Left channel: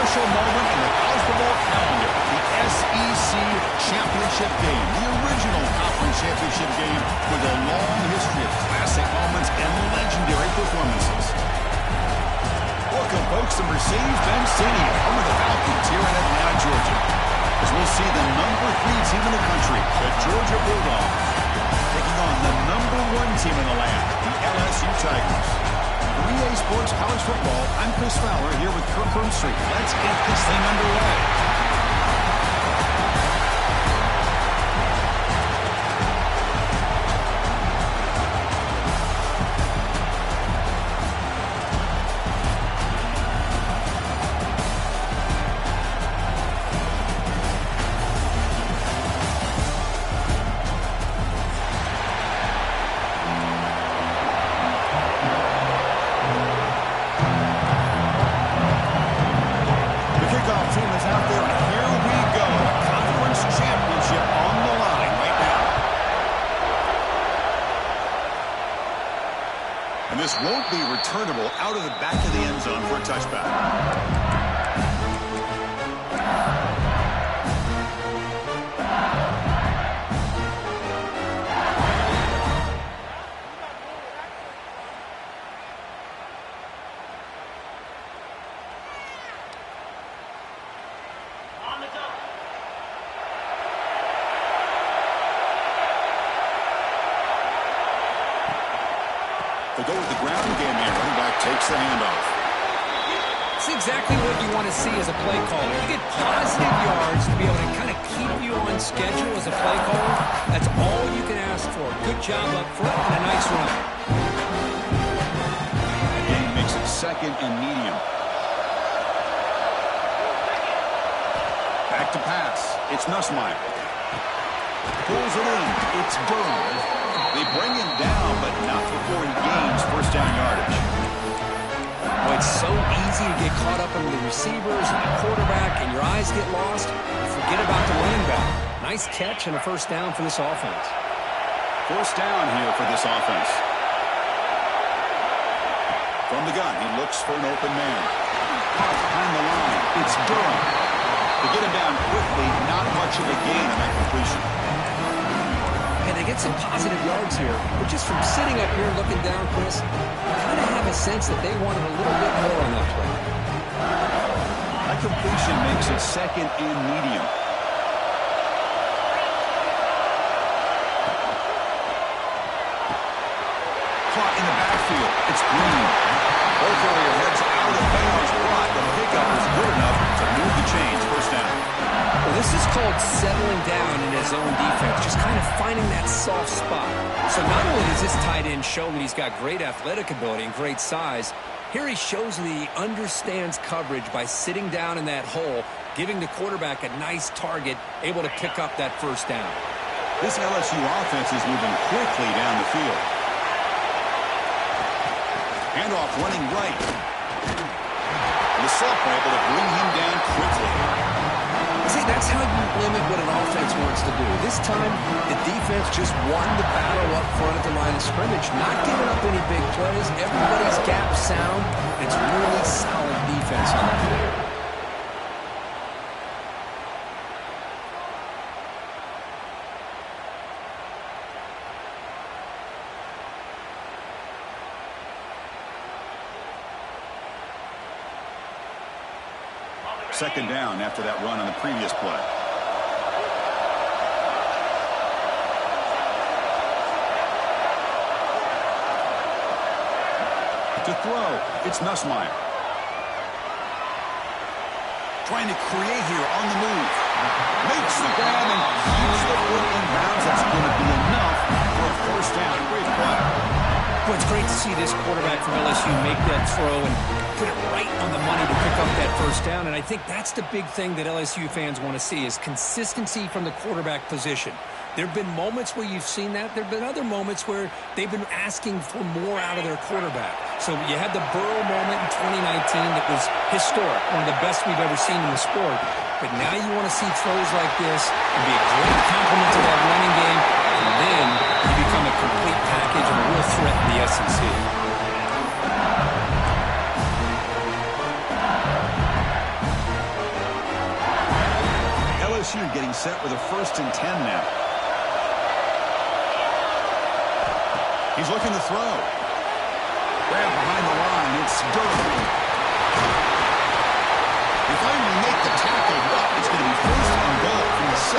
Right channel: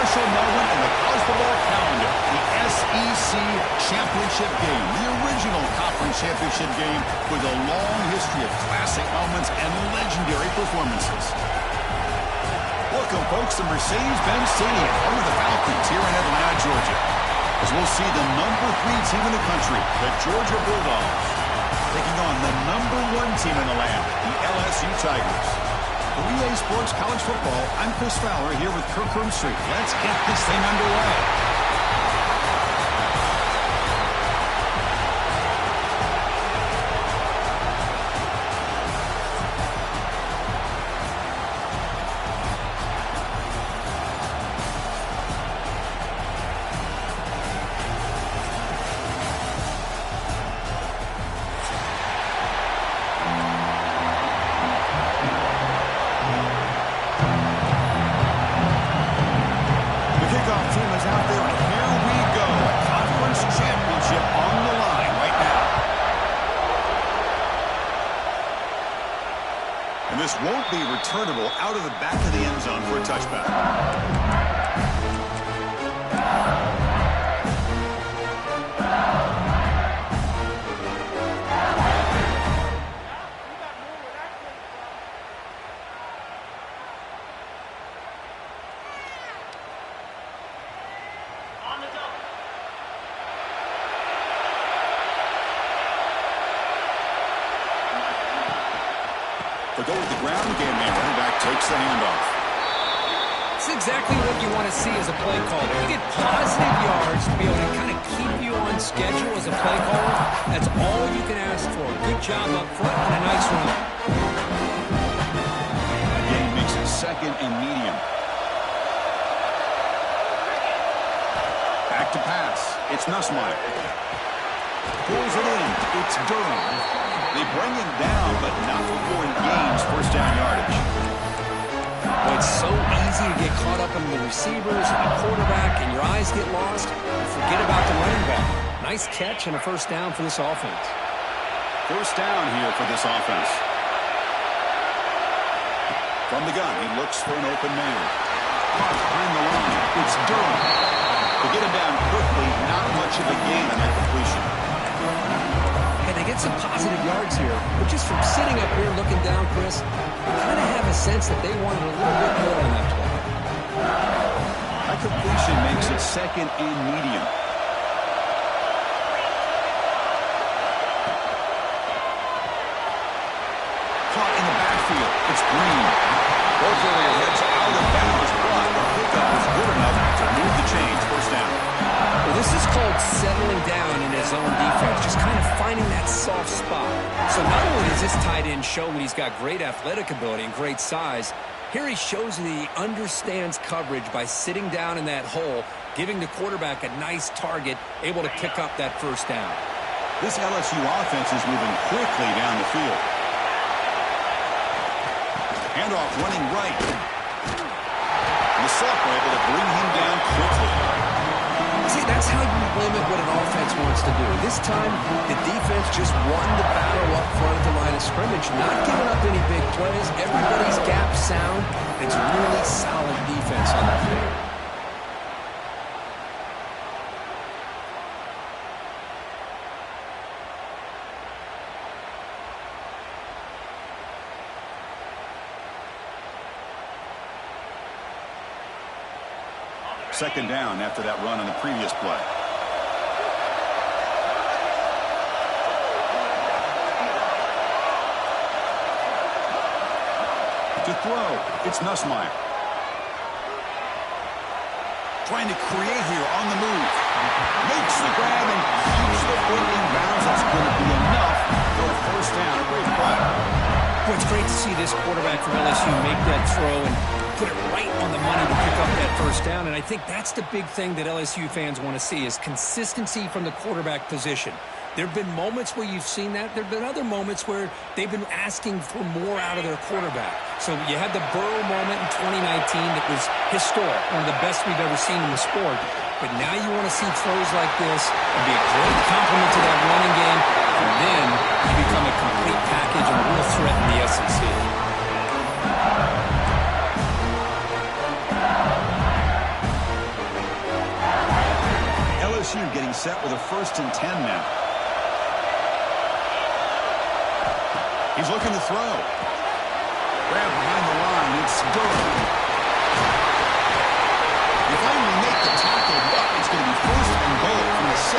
special moment in the college football calendar, the SEC championship game, the original conference championship game with a long history of classic moments and legendary performances. Welcome, folks, to Mercedes-Benz Stadium, home of the Falcons here in Atlanta, Georgia, as we'll see the number 3 team in the country, the Georgia Bulldogs, taking on the number 1 team in the land, the LSU Tigers. For EA Sports College Football, I'm Chris Fowler here with Kirk Herbstreit. Let's get this thing underway. Team is out there, and here we go. A conference championship on the line right now. And this won't be returnable out of the back of the end zone for a touchback. They'll go with the ground game, and running back takes the handoff. It's exactly what you want to see as a play caller. You get positive yards to be able to kind of keep you on schedule as a play caller. That's all you can ask for. Good job up front and a nice run. Game makes it 2nd and medium. Back to pass. It's Nussmeier. Pulls it in. It's Durham. They bring him down, but not before he gains first down yardage. Well, it's so easy to get caught up in the receivers and the quarterback, and your eyes get lost. You forget about the running back. Nice catch and a first down for this offense. First down here for this offense. From the gun, he looks for an open man. Caught behind the line. It's Durham. To get him down quickly, not much of a gain on that completion. And they get some positive yards here, but just from sitting up here looking down, Chris, you kind of have a sense that they wanted a little bit more on that play. That completion makes it 2nd and medium. Caught in the backfield. It's Green. Both earlier heads out of bounds, but the pickup was good enough to move the chains. First down. Well, this is called settling down in his own defense, just kind of finding that soft spot. So not only does this tight end show that he's got great athletic ability and great size, here he shows that he understands coverage by sitting down in that hole, giving the quarterback a nice target, able to pick up that first down. This LSU offense is moving quickly down the field. Handoff running right. And the sophomore able to bring him down quickly. See, that's how you limit what an offense wants to do. This time, the defense just won the battle up front at the line of scrimmage, not giving up any big plays. Everybody's gap sound. It's really solid defense on that play. Second down after that run on the previous play. To throw, it's Nussmeier. Trying to create here on the move. Makes the grab and keeps the foot in bounds. That's going to be enough for a first down. Great play. Well, it's great to see this quarterback from LSU make that throw and put it right on the money to pick up that first down. And I think that's the big thing that LSU fans want to see is consistency from the quarterback position. There have been moments where you've seen that. There have been other moments where they've been asking for more out of their quarterback. So you had the Burrow moment in 2019 that was historic, one of the best we've ever seen in the sport. But now you want to see throws like this and be a great complement to that running game, and then you become a complete package and a real threat in the SEC. LSU getting set with a 1st and 10 now. He's looking to throw. Grab behind the line. It's Durham. They finally make the tackle, but it's going to be 1st and goal from the 6.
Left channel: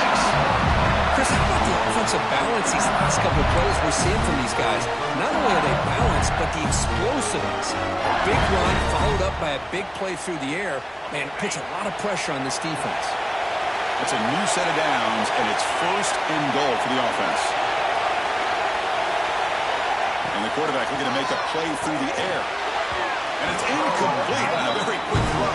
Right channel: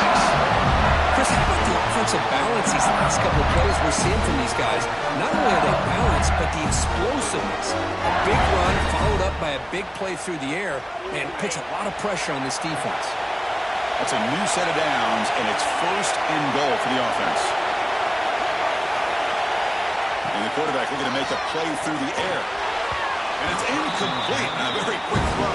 Chris, how about the offensive balance these last couple of plays we're seeing from these guys? Not only are they balanced, but the explosiveness. A big run followed up by a big play through the air, and puts a lot of pressure on this defense. That's a new set of downs, and it's 1st and goal for the offense. And the quarterback looking to make a play through the air. And it's incomplete on a very quick throw.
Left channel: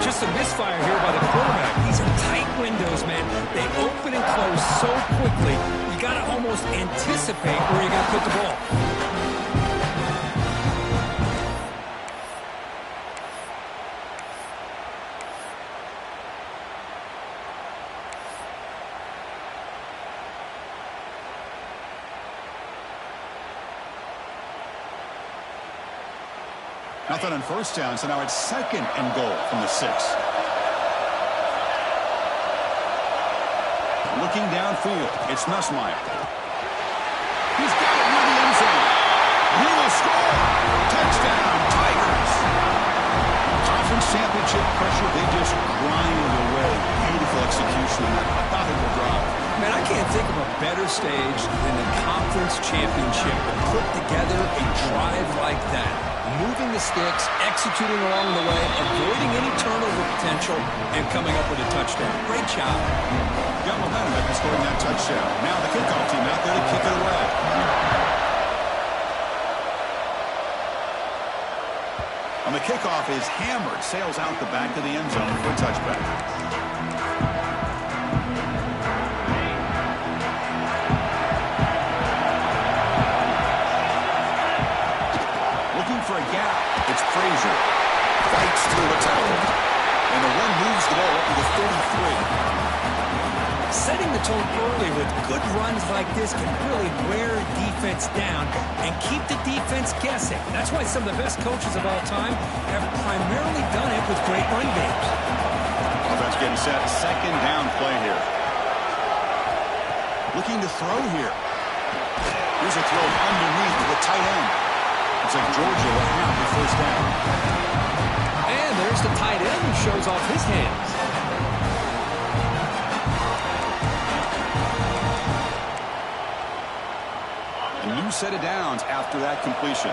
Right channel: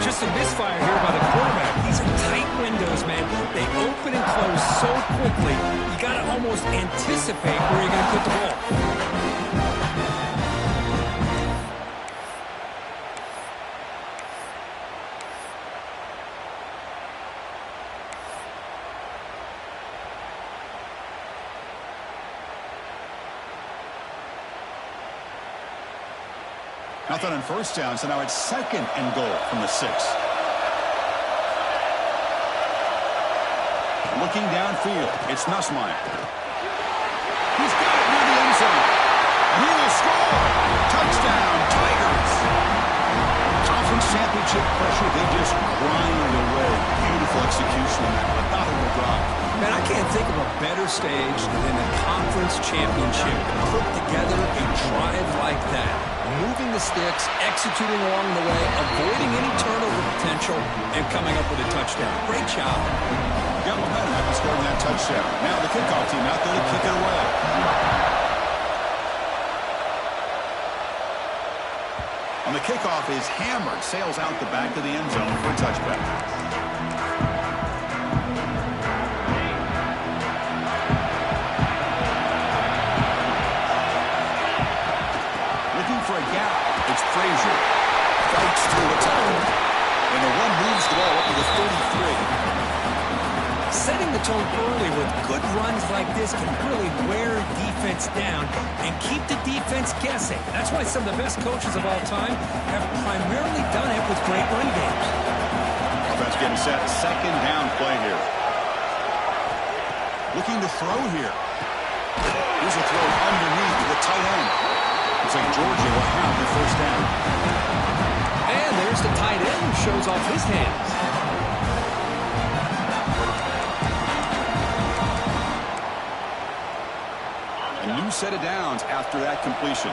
Just a misfire here by the quarterback. These are tight windows, man. They open and close so quickly, you got to almost anticipate where you're going to put the ball. Nothing on 1st down, so now it's 2nd and goal from the 6. Looking downfield, it's Nussmeier. He's got it near the end zone. And he will score. Touchdown, Tigers. Conference championship pressure, they just grind away. Beautiful execution on that methodical drive. Man, I can't think of a better stage than the conference championship to put together a drive like that. Moving the sticks, executing along the way, avoiding any turnover potential, and coming up with a touchdown. Great job. Got momentum after scoring that touchdown. Now the kickoff team out there to kick it away. On the kickoff is hammered, sails out the back of the end zone for a touchback. For a gap, it's Frazier. Fights through a tackle. And the one moves the ball up to the 33. Setting the tone early with good runs like this can really wear defense down and keep the defense guessing. That's why some of the best coaches of all time have primarily done it with great run games. Offense getting set. 2nd down play here. Looking to throw here. Here's a throw underneath to the tight end. Looks like Georgia will have the 1st down. And there's the tight end who shows off his hands. A new set of downs after that completion.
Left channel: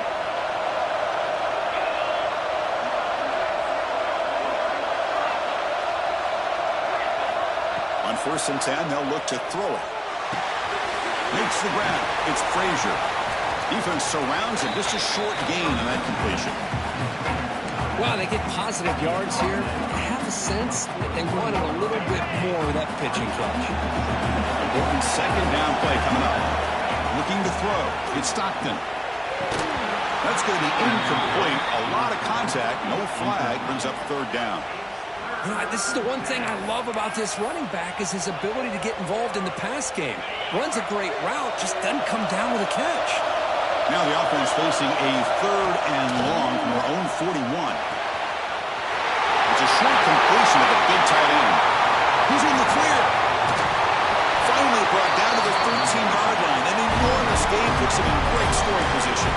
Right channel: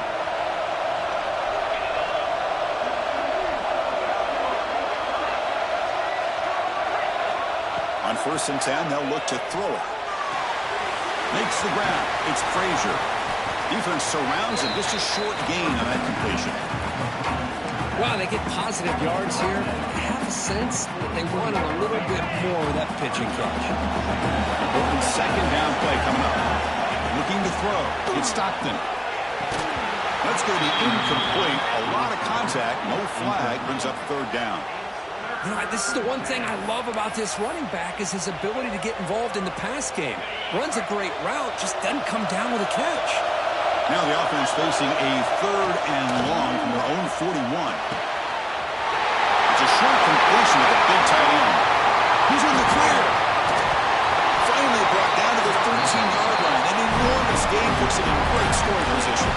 On 1st and 10, they'll look to throw it. Makes the grab. It's Frazier. Defense surrounds him. Just a short gain on that completion. Wow, they get positive yards here. I have a sense that they wanted a little bit more of that pitching catch. Important 2nd down play coming up. Looking to throw. It's Stockton. That's going to be incomplete. A lot of contact. No flag. Brings up 3rd down. You know, this is the one thing I love about this running back is his ability to get involved in the pass game. Runs a great route, just doesn't come down with a catch. Now the offense facing a 3rd and long from their own 41. It's a short completion of the big tight end. He's in the clear. Finally brought down to the 13-yard line. An enormous gain puts him in great scoring position.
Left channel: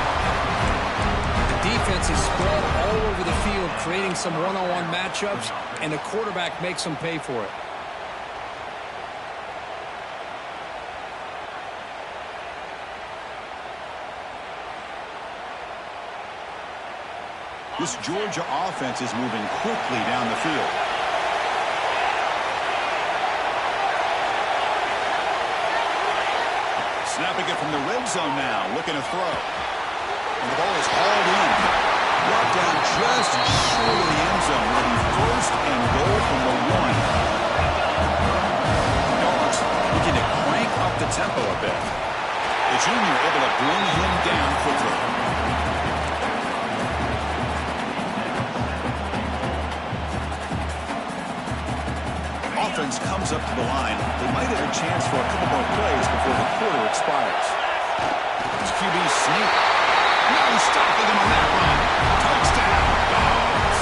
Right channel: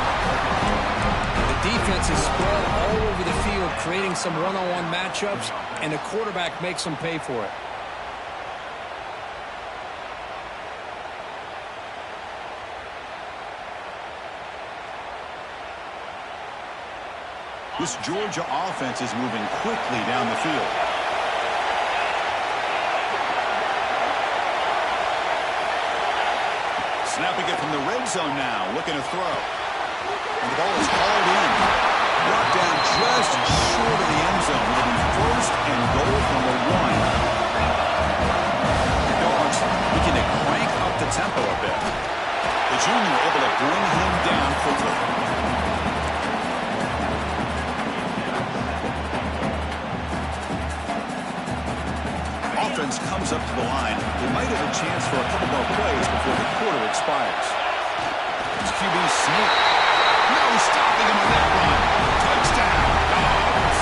The defense is spread all over the field, creating some one-on-one matchups, and the quarterback makes them pay for it. This Georgia offense is moving quickly down the field. Snapping it from the red zone now, looking to throw. And the ball is hauled in. Brought down just short of the end zone. It'll be 1st and goal from the 1. The Dogs looking to crank up the tempo a bit. The junior able to bring him down quickly. Offense comes up to the line. They might have a chance for a couple more plays before the quarter expires. It's QB sneak. No stopping him on that run. Touchdown, Dogs.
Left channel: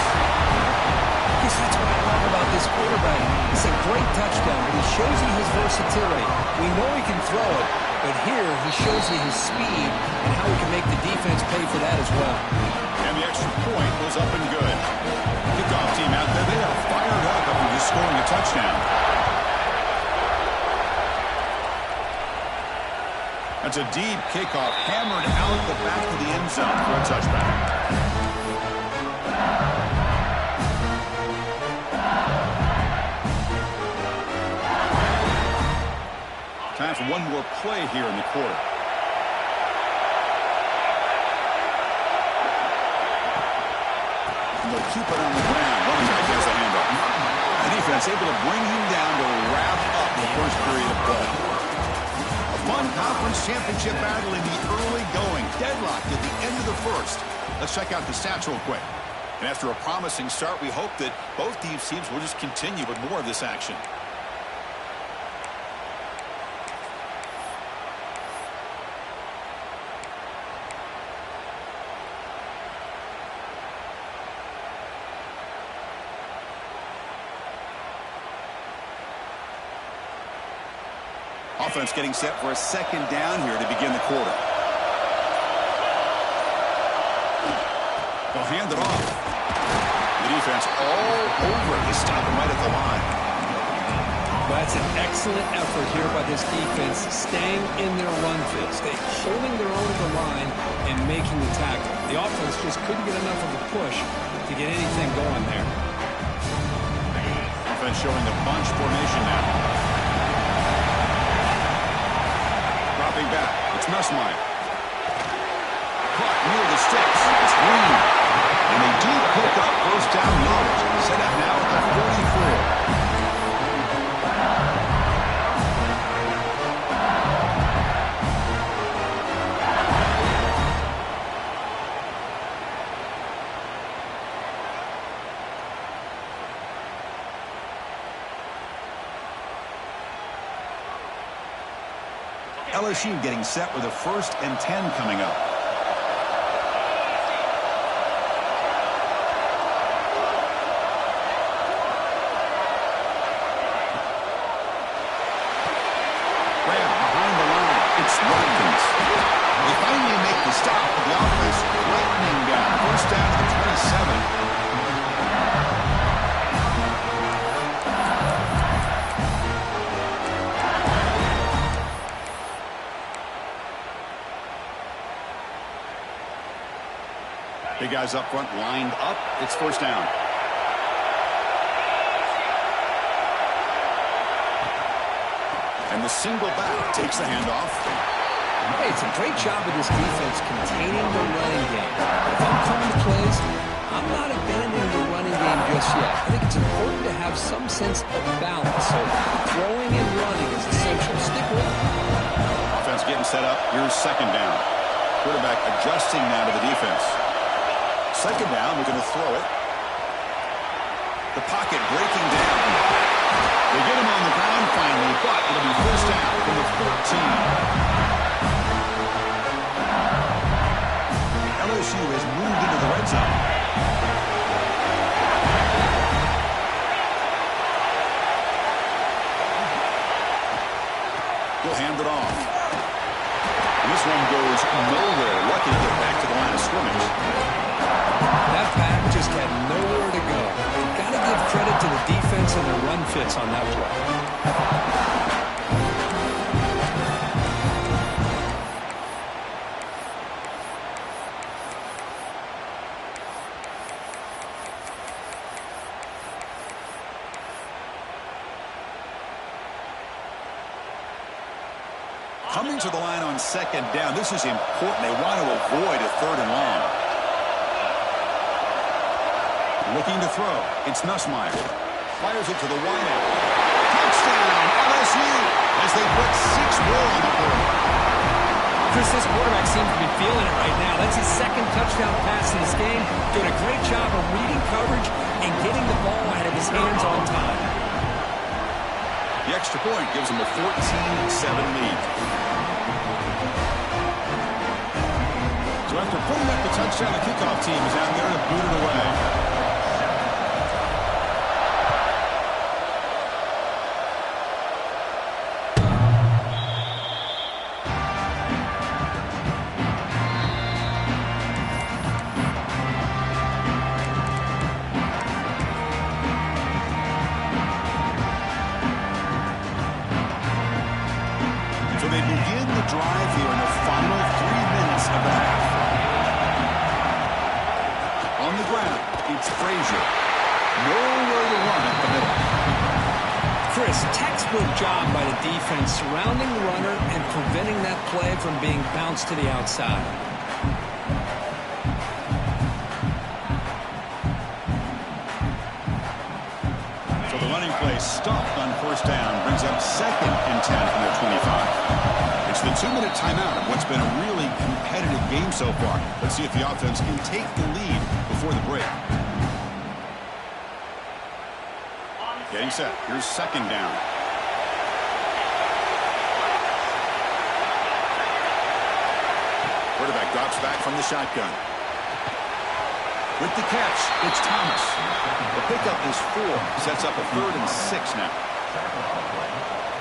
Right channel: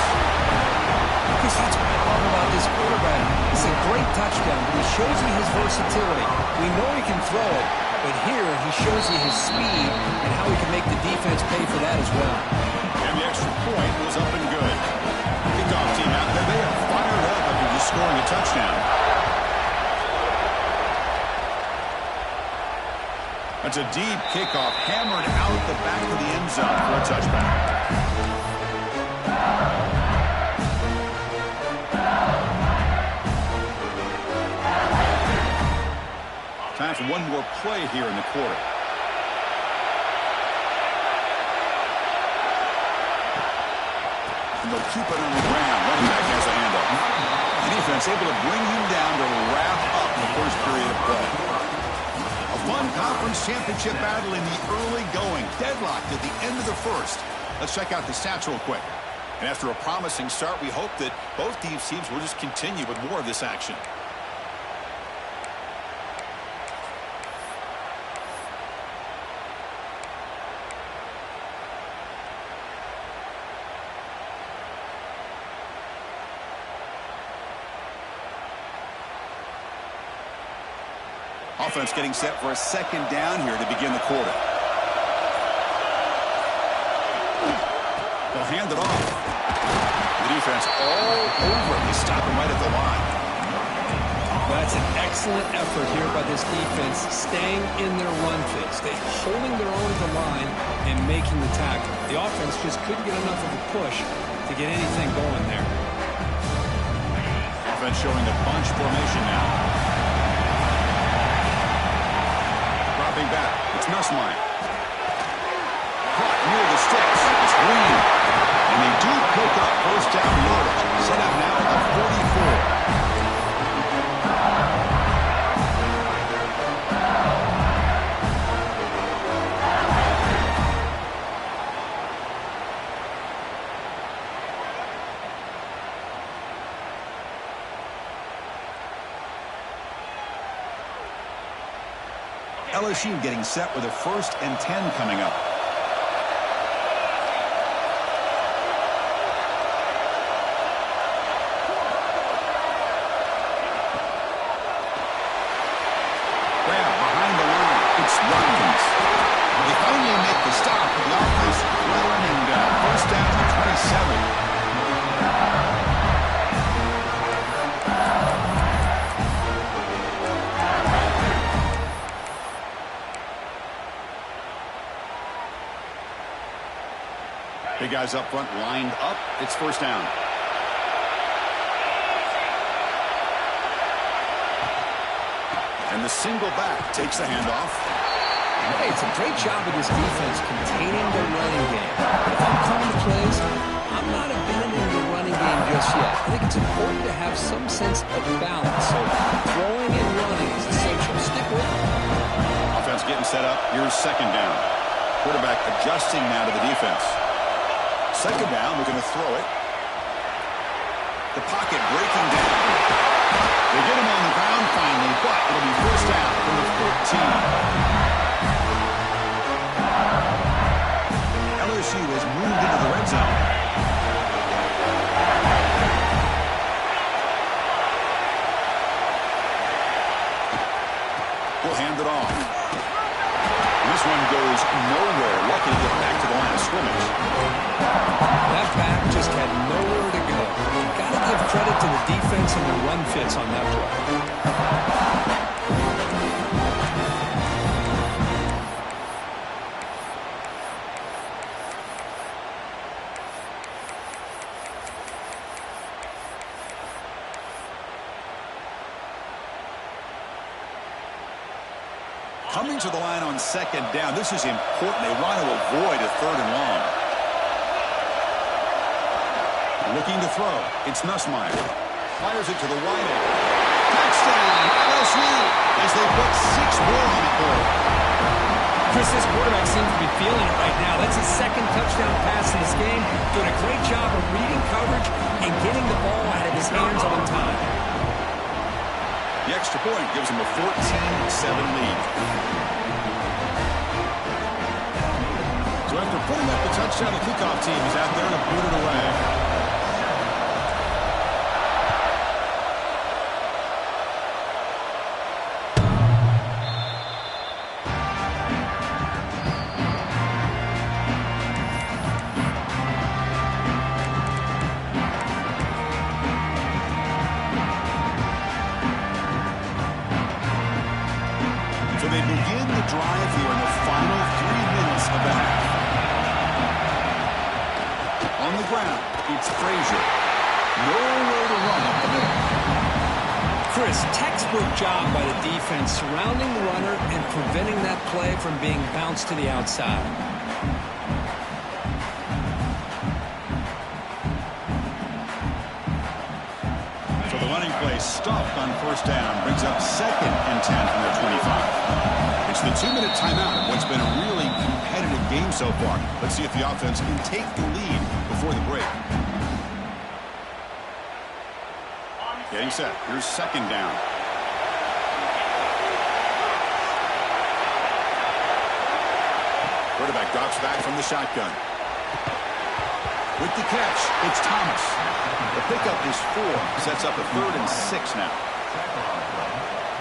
Chris, that's what I love about about this quarterback. It's a great touchdown, but he shows you his versatility. We know he can throw it, but here he shows you his speed and how he can make the defense pay for that as well. And the extra point was up and good. Kickoff team out there, they are fired up after just scoring a touchdown. That's a deep kickoff, hammered out the back of the end zone for a touchback. Time for one more play here in the quarter. And they'll keep it on the ground. Running back has a handoff. The defense able to bring him down to wrap up the first period of play. A fun conference championship battle in the early going. Deadlocked at the end of the first. Let's check out the stats real quick. And after a promising start, we hope that both these teams will just continue with more of this action. Offense getting set for a second down here to begin the quarter. They'll hand it off. The defense all over. They stop him right at the line. Well, that's an excellent effort here by this defense, staying in their run fits. They holding their own at the line and making the tackle. The offense just couldn't get enough of a push to get anything going there. Offense showing a bunch formation now. Dropping back. It's Nussmeier. Caught near the sticks. It's Green. And they do pick up first down yardage. Set up now at the 44. LSU getting set with a 1st and 10 coming up. Grab behind the line. It's Watkins. They finally make the stop, but the offense threatening down. First down to the 27. Big guys up front lined up. It's first down. And the single back takes the handoff. Hey, it's a great job of this defense containing the running game. But if I'm calling the plays, I'm not abandoning the running game just yet. I think it's important to have some sense of balance. So throwing and running is essential. Stick with it. Offense getting set up. Here's second down. Quarterback adjusting now to the defense. Second down, we're going to throw it. The pocket breaking down. They get him on the ground finally, but it'll be first down from the 14. LSU has moved into the red zone. He'll hand it off. And this one goes nowhere. Lucky to get back to the line of scrimmage. That back just had nowhere to go. You've got to give credit to the defense and their run fits on that play. Coming to the line on second down. This is important. They want to avoid a third and long. Looking to throw. It's Nussmeier. Fires it to the wideout. Touchdown, LSU, as they put 6 more on the board. Chris, this quarterback seems to be feeling it right now. That's his second touchdown pass in this game. Doing a great job of reading coverage and getting the ball out of his hands on time. The extra point gives him a 14-7 lead. So after putting up the touchdown, the kickoff team is out there to boot it away. So they begin the drive here in the final 3 minutes of the half. On the ground, it's Frazier. Nowhere to run up the middle. Chris, textbook job by the defense surrounding the runner and preventing that play from being bounced to the outside. So the running play stopped on first down, brings up 2nd and 10 from their 25. It's the 2-minute timeout of what's been a really competitive game so far. Let's see if the offense can take the lead before the break. Getting set. Here's 2nd down. Quarterback drops back from the shotgun. With the catch, it's Thomas. The pickup is 4. Sets up a 3rd and 6 now.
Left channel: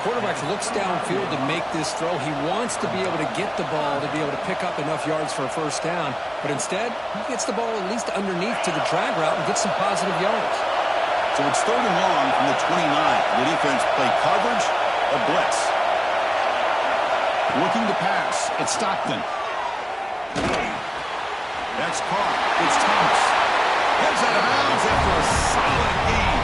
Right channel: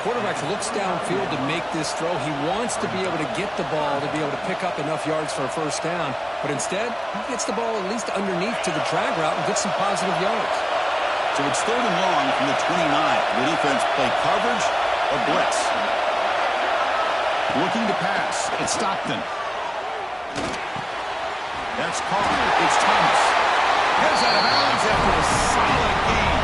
Quarterback looks downfield to make this throw. He wants to be able to get the ball to be able to pick up enough yards for a first down. But instead, he gets the ball at least underneath to the drag route and gets some positive yards. So it's 3rd and long from the 29. The defense play coverage or blitz. Looking to pass. It's Stockton. That's Carr. It's Thomas. Heads out of bounds after a solid gain.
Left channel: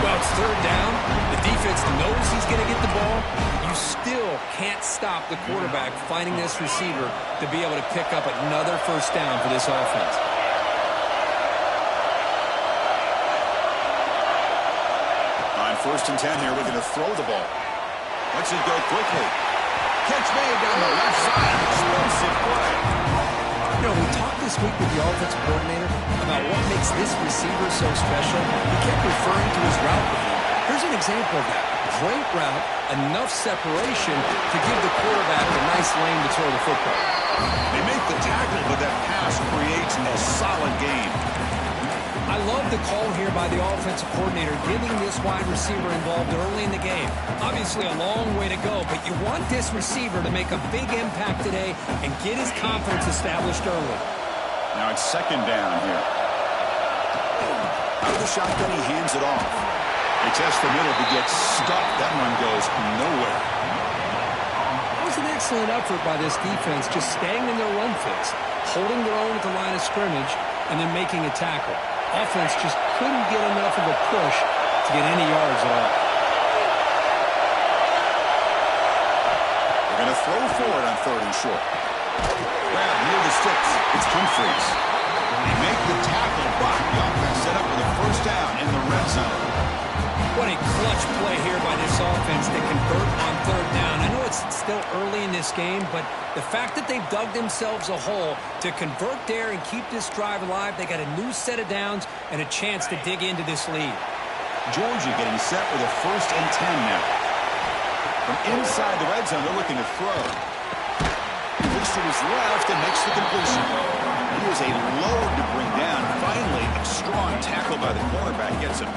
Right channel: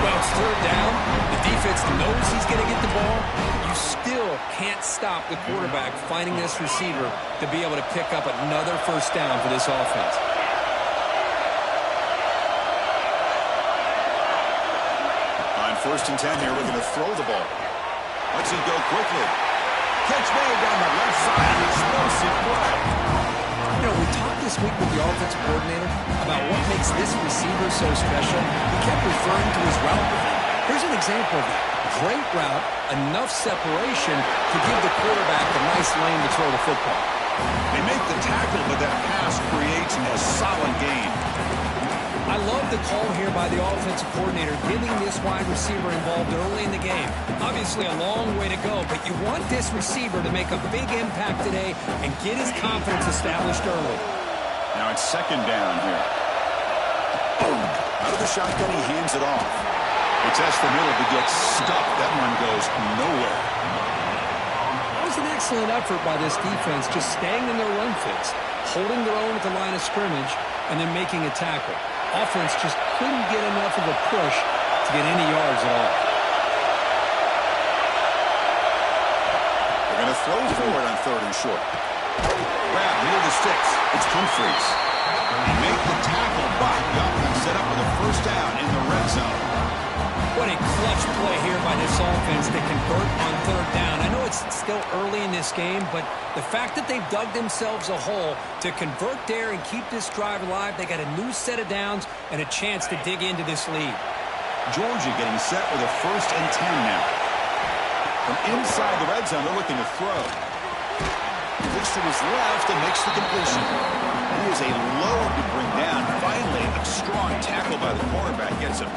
Well, it's 3rd down. The defense knows he's going to get the ball. You still can't stop the quarterback finding this receiver to be able to pick up another first down for this offense. On 1st and 10 here, we're going to throw the ball. Let's it go quickly. Catch made down the left side. Explosive play. You know, we talked this week with the offensive coordinator about what makes this receiver so special. He kept referring to his route rhythm. Here's an example of that. Great route, enough separation to give the quarterback a nice lane to throw the football. They make the tackle, but that pass creates a solid gain. I love the call here by the offensive coordinator, getting this wide receiver involved early in the game. Obviously a long way to go, but you want this receiver to make a big impact today and get his confidence established early. Now it's 2nd down here. Out of the shotgun, he hands it off. He tests the middle, but gets stuck. That one goes nowhere. It was an excellent effort by this defense, just staying in their run fits, holding their own at the line of scrimmage, and then making a tackle. Offense just couldn't get enough of a push to get any yards at all. They're going to throw for it on 3rd and short. Grab near the sticks. It's Humphreys. They make the tackle, but the offense set up with a first down in the red zone. What a clutch play here by this offense to convert on 3rd down. I know it's still early in this game, but the fact that they've dug themselves a hole to convert there and keep this drive alive, they got a new set of downs and a chance to dig into this lead. Georgia getting set with a 1st and 10 now. From inside the red zone, they're looking to throw. Looks to his left and makes the completion. He is a load to bring down. Finally, a strong tackle by the cornerback gets him.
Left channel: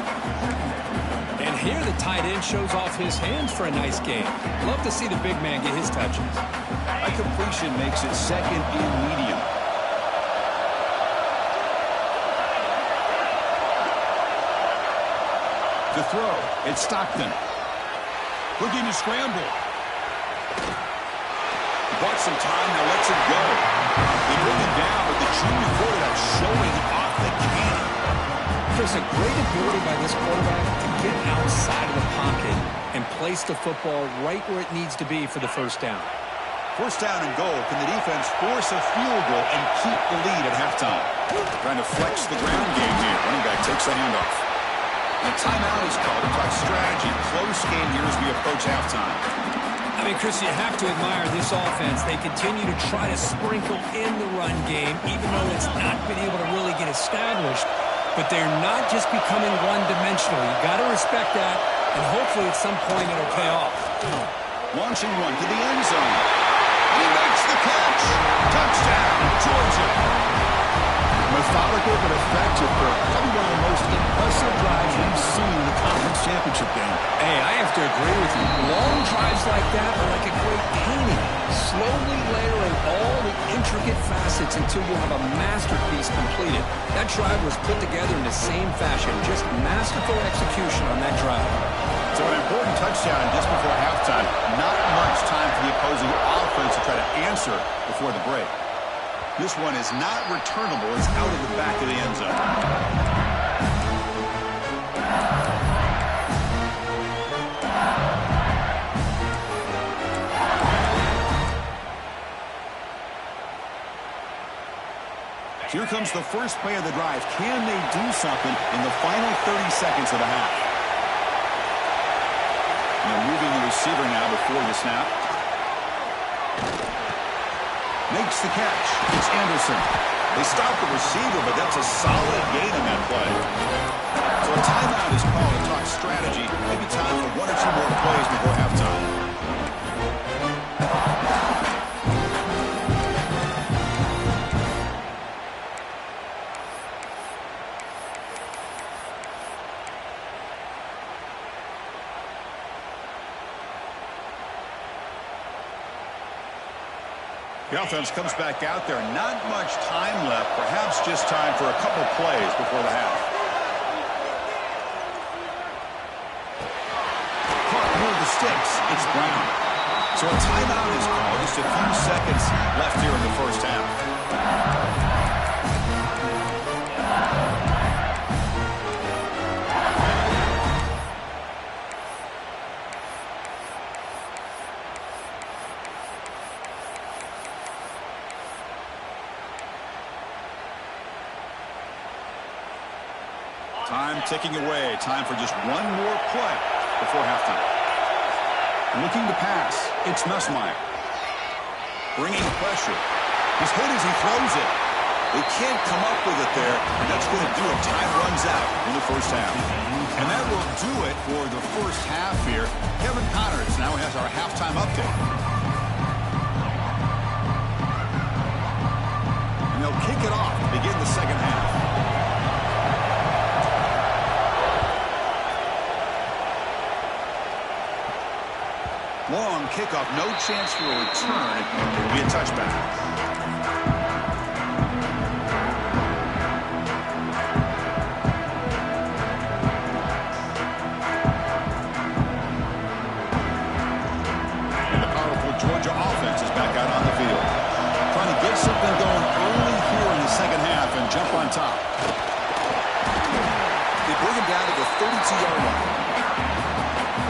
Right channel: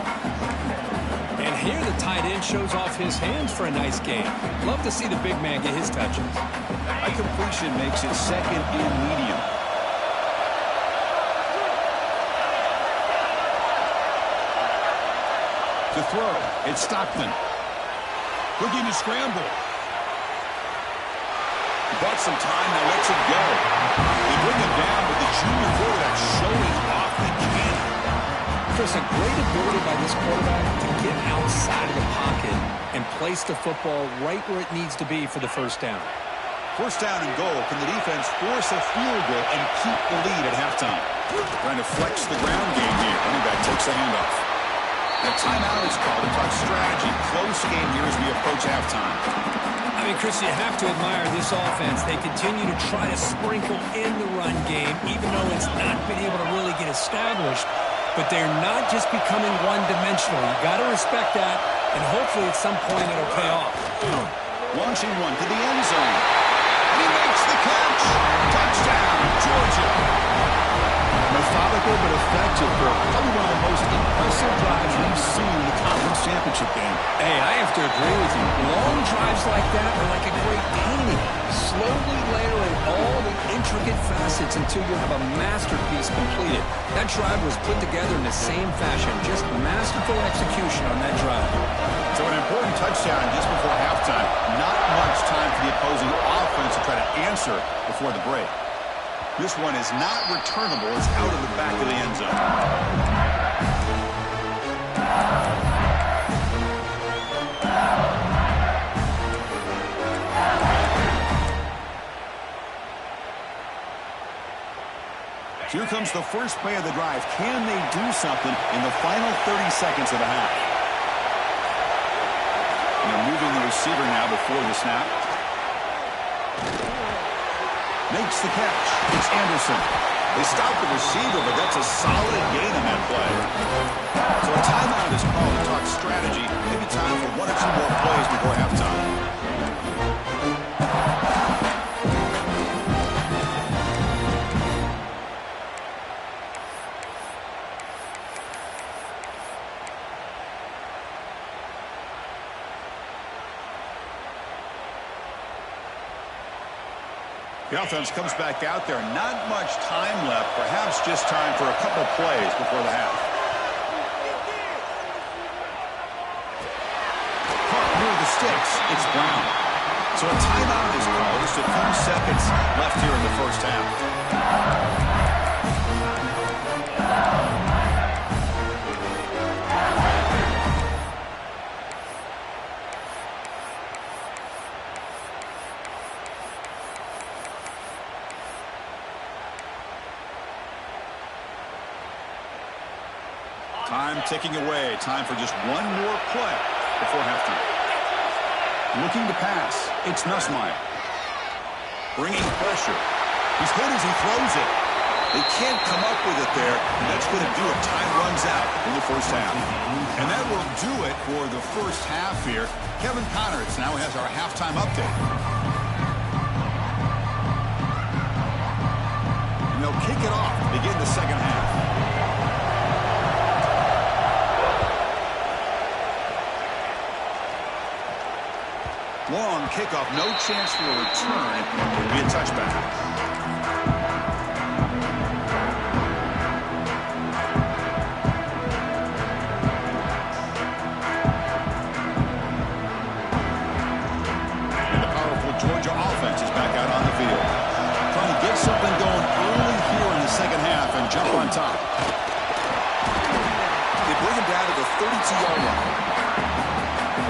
And here the tight end shows off his hands for a nice game. Love to see the big man get his touches. That completion makes it 2nd and medium. To throw, it's Stockton. Looking to scramble. Bought some time, now lets it go. They bring him down, but the junior quarterback showing off the cannon. Chris, a great ability by this quarterback to get outside of the pocket and place the football right where it needs to be for the first down. 1st down and goal. Can the defense force a field goal and keep the lead at halftime? Trying to flex the ground game here. Running back takes the handoff. The timeout is called to talk strategy. Close game here as we approach halftime. I mean, Chris, you have to admire this offense. They continue to try to sprinkle in the run game, even though it's not been able to really get established. But they're not just becoming one-dimensional. You got to respect that, and hopefully at some point it'll pay off. Launching one to the end zone. And he makes the catch. Touchdown, Georgia. Methodical but effective for probably one of the most impressive drives we've seen in the conference championship game. Hey, I have to agree with you. Long drives like that are like a great painting. Slowly layering all the intricate facets until you have a masterpiece completed. That drive was put together in the same fashion. Just masterful execution on that drive. So an important touchdown just before halftime. Not much time for the opposing offense to try to answer before the break. This one is not returnable. It's out of the back of the end zone. Here comes the first play of the drive. Can they do something in the final 30 seconds of the half? They're moving the receiver now before the snap. Makes the catch. It's Anderson. They stop the receiver, but that's a solid gain on that play. So a timeout is called to talk strategy. Maybe time for one or two more plays before halftime. The offense comes back out there. Not much time left. Perhaps just time for a couple plays before the half. Caught near the sticks. It's Brown. So a timeout is called. Just a few seconds left here in the first half. Time ticking away. Time for just one more play before halftime. Looking to pass. It's Nussmeier. Bringing pressure. He's hit as he throws it. They can't come up with it there, and that's going to do it. Time runs out in the first half. And that will do it for the first half here. Kevin Connors now has our halftime update. And they'll kick it off to begin the second half. Long kickoff, no chance for a return. It will be a touchback. And the powerful Georgia offense is back out on the field. Trying to get something going early here in the second half and jump on top. They bring him down to the 32-yard line.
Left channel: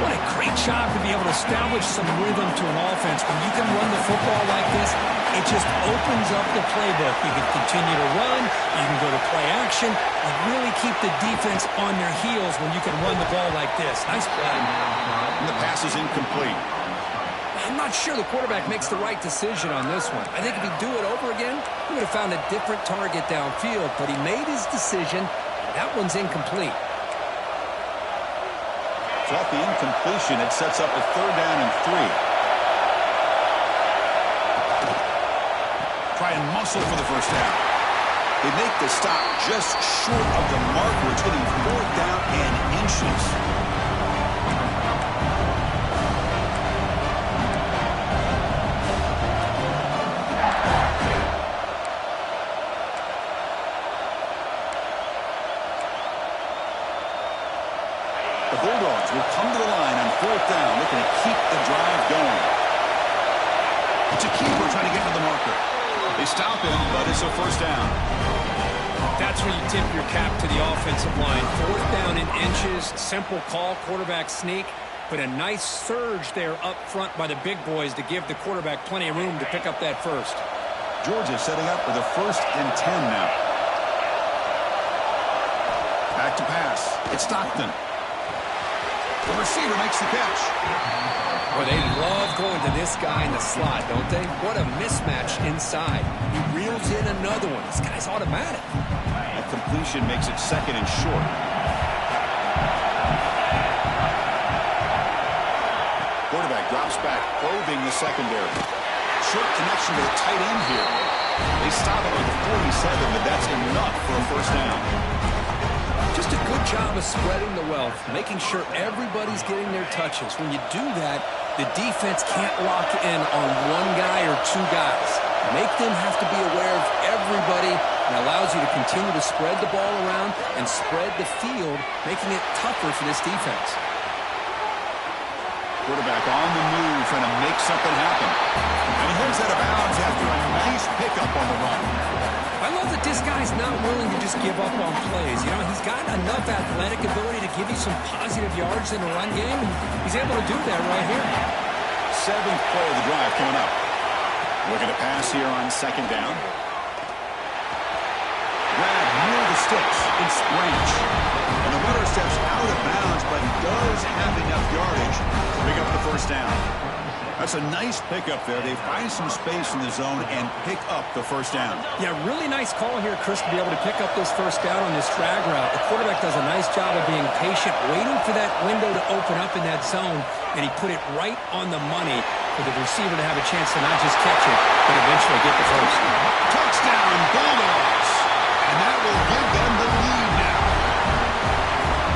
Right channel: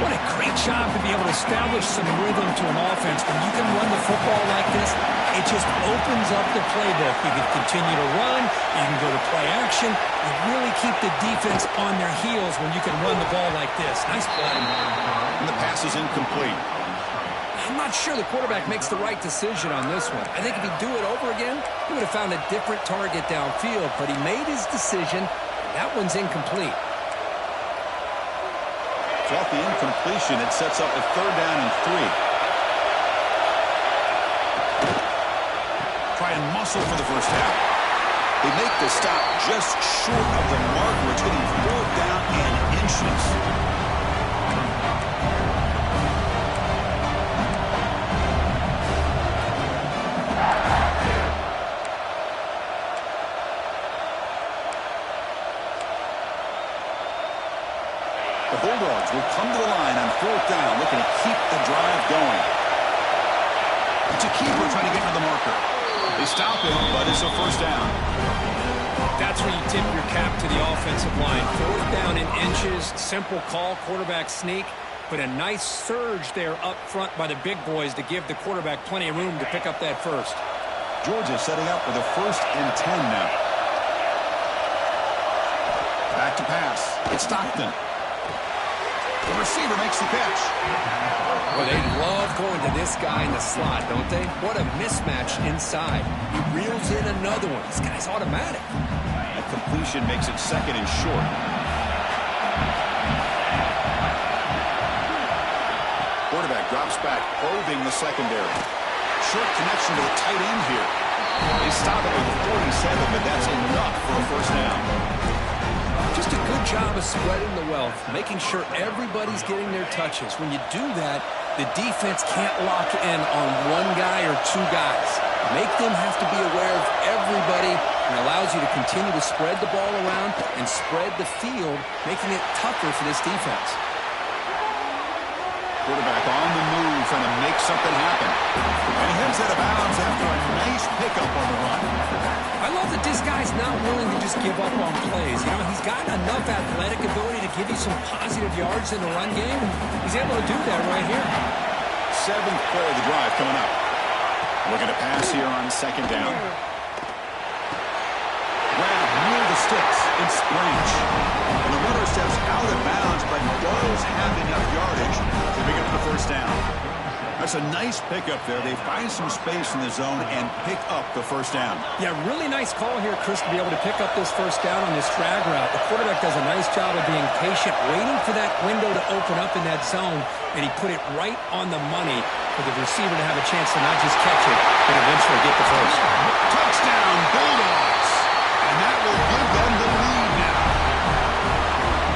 What a great job to be able to establish some rhythm to an offense. When you can run the football like this, it just opens up the playbook. You can continue to run. You can go to play action. You really keep the defense on their heels when you can run the ball like this. Nice play. And the pass is incomplete. I'm not sure the quarterback makes the right decision on this one. I think if he'd do it over again, he would have found a different target downfield. But he made his decision, and that one's incomplete. Off the incompletion, it sets up a 3rd down and 3. Try and muscle for the first down. They make the stop just short of the marker. It's getting 4th down and inches. The Bulldogs will come to the line on 4th down, looking to keep the drive going. It's a keeper trying to get to the marker. They stop him, but it's a first down. That's where you tip your cap to the offensive line. 4th down in inches, simple call, quarterback sneak, but a nice surge there up front by the big boys to give the quarterback plenty of room to pick up that first. Georgia setting up with a 1st and 10 now. Back to pass. It's Stockton. The receiver makes the catch. Well, they love going to this guy in the slot, don't they? What a mismatch inside. He reels in another one. This guy's automatic. That completion makes it 2nd and short. Quarterback drops back, probing the secondary. Short connection to the tight end here. They stop it with a 47, but that's enough for a first down. Just a good job of spreading the wealth, making sure everybody's getting their touches. When you do that, the defense can't lock in on one guy or two guys. Make them have to be aware of everybody, and allows you to continue to spread the ball around and spread the field, making it tougher for this defense. Quarterback on the move, trying to make something happen. And he heads out of bounds after a nice pickup on the run. I love that this guy's not willing to just give up on plays. You know, he's got enough athletic ability to give you some positive yards in the run game, and he's able to do that right here. 7th play of the drive coming up. Looking to pass here on 2nd down. Grab near the sticks. It's Branch. And the runner steps out of bounds, but does have enough yardage to pick up the 1st down. That's a nice pickup there. They find some space in the zone and pick up the 1st down. Yeah, really nice call here, Chris, to be able to pick up this 1st down on this drag route. The quarterback does a nice job of being patient, waiting for that window to open up in that zone, and he put it right on the money for the receiver to have a chance to not just catch it, but eventually get the 1st. Touchdown, Bulldogs! And that will give them the lead now.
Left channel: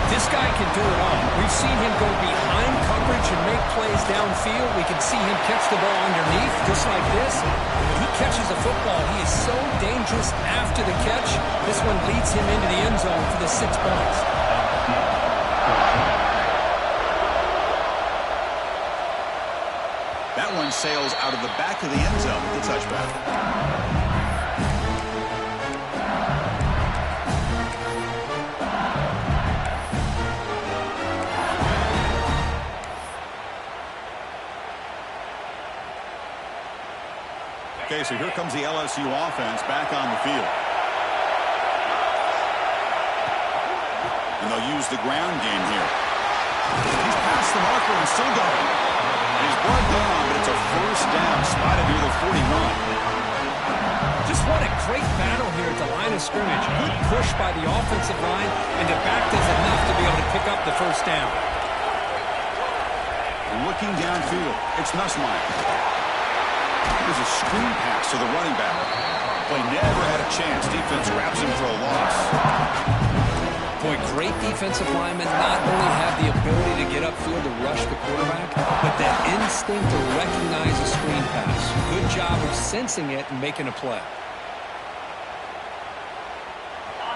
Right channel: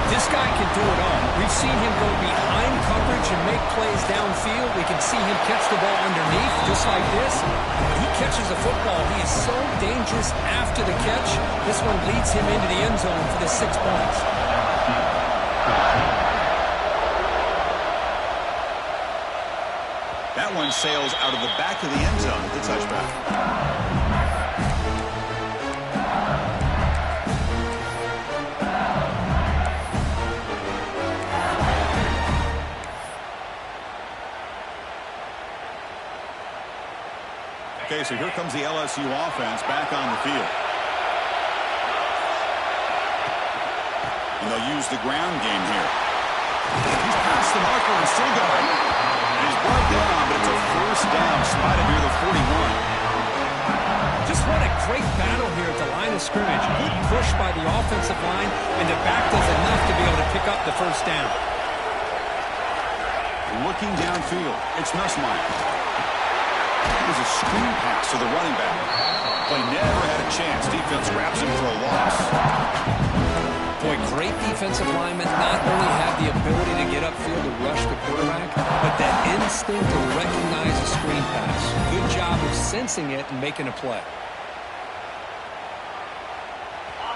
This guy can do it all. We've seen him go behind coverage and make plays downfield. We can see him catch the ball underneath, just like this. And when he catches the football, he is so dangerous after the catch. This one leads him into the end zone for the 6 points. That one sails out of the back of the end zone with the touchback. Okay, so here comes the LSU offense back on the field. And they'll use the ground game here. He's past the marker and still going. And he's brought down, but it's a 1st down, spotted near the 41. Just what a great battle here at the line of scrimmage. Good push by the offensive line, and the back does enough to be able to pick up the 1st down. Looking downfield, it's Nussmeier. There's a screen pass to the running back. Play never had a chance. Defense grabs him for a loss. Boy, great defensive linemen not only have the ability to get upfield to rush the quarterback, but that instinct to recognize a screen pass. Good job of sensing it and making a play.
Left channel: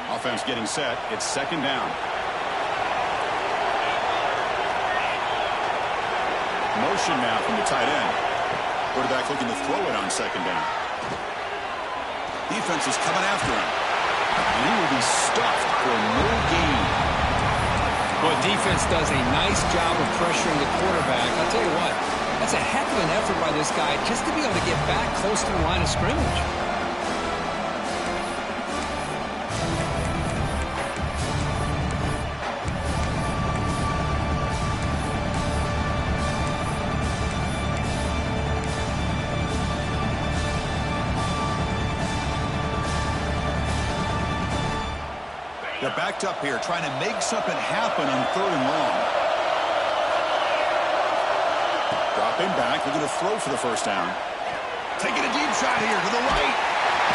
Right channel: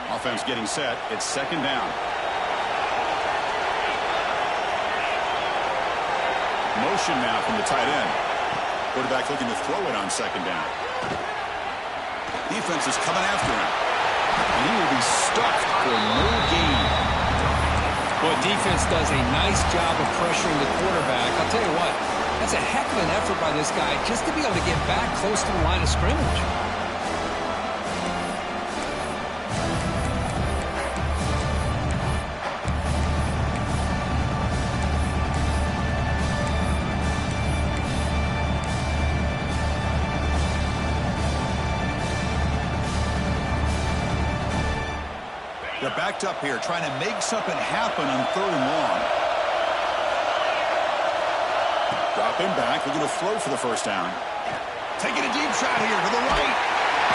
Offense getting set. It's 2nd down. Motion now from the tight end. Quarterback looking to throw it on 2nd down. Defense is coming after him. And he will be stuffed for no gain. Well, defense does a nice job of pressuring the quarterback. I'll tell you what, that's a heck of an effort by this guy just to be able to get back close to the line of scrimmage. They're backed up here, trying to make something happen on 3rd and long. Dropping back, looking to throw for the 1st down. Taking a deep shot here to the right.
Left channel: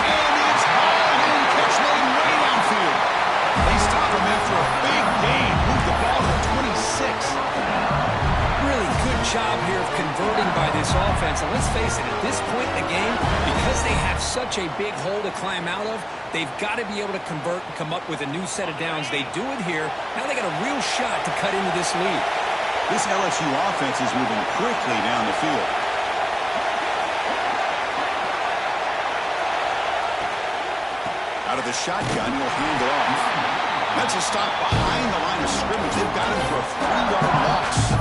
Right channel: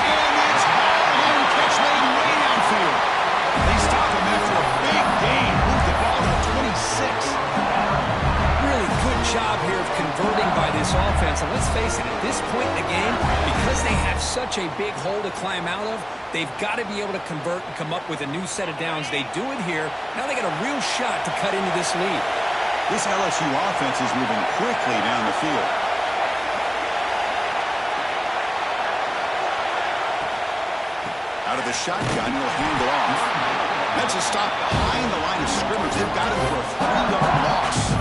And it's hauled in, catch made way downfield. They stop him after a big gain. Move the ball to the 26. Really good job here of converting by this offense. And let's face it, at this point in the game, because they have such a big hole to climb out of, they've got to be able to convert and come up with a new set of downs. They do it here. Now they got a real shot to cut into this lead. This LSU offense is moving quickly down the field. Out of the shotgun, he'll hand it off. That's a stop behind the line of scrimmage. They've got him for a 3-yard loss.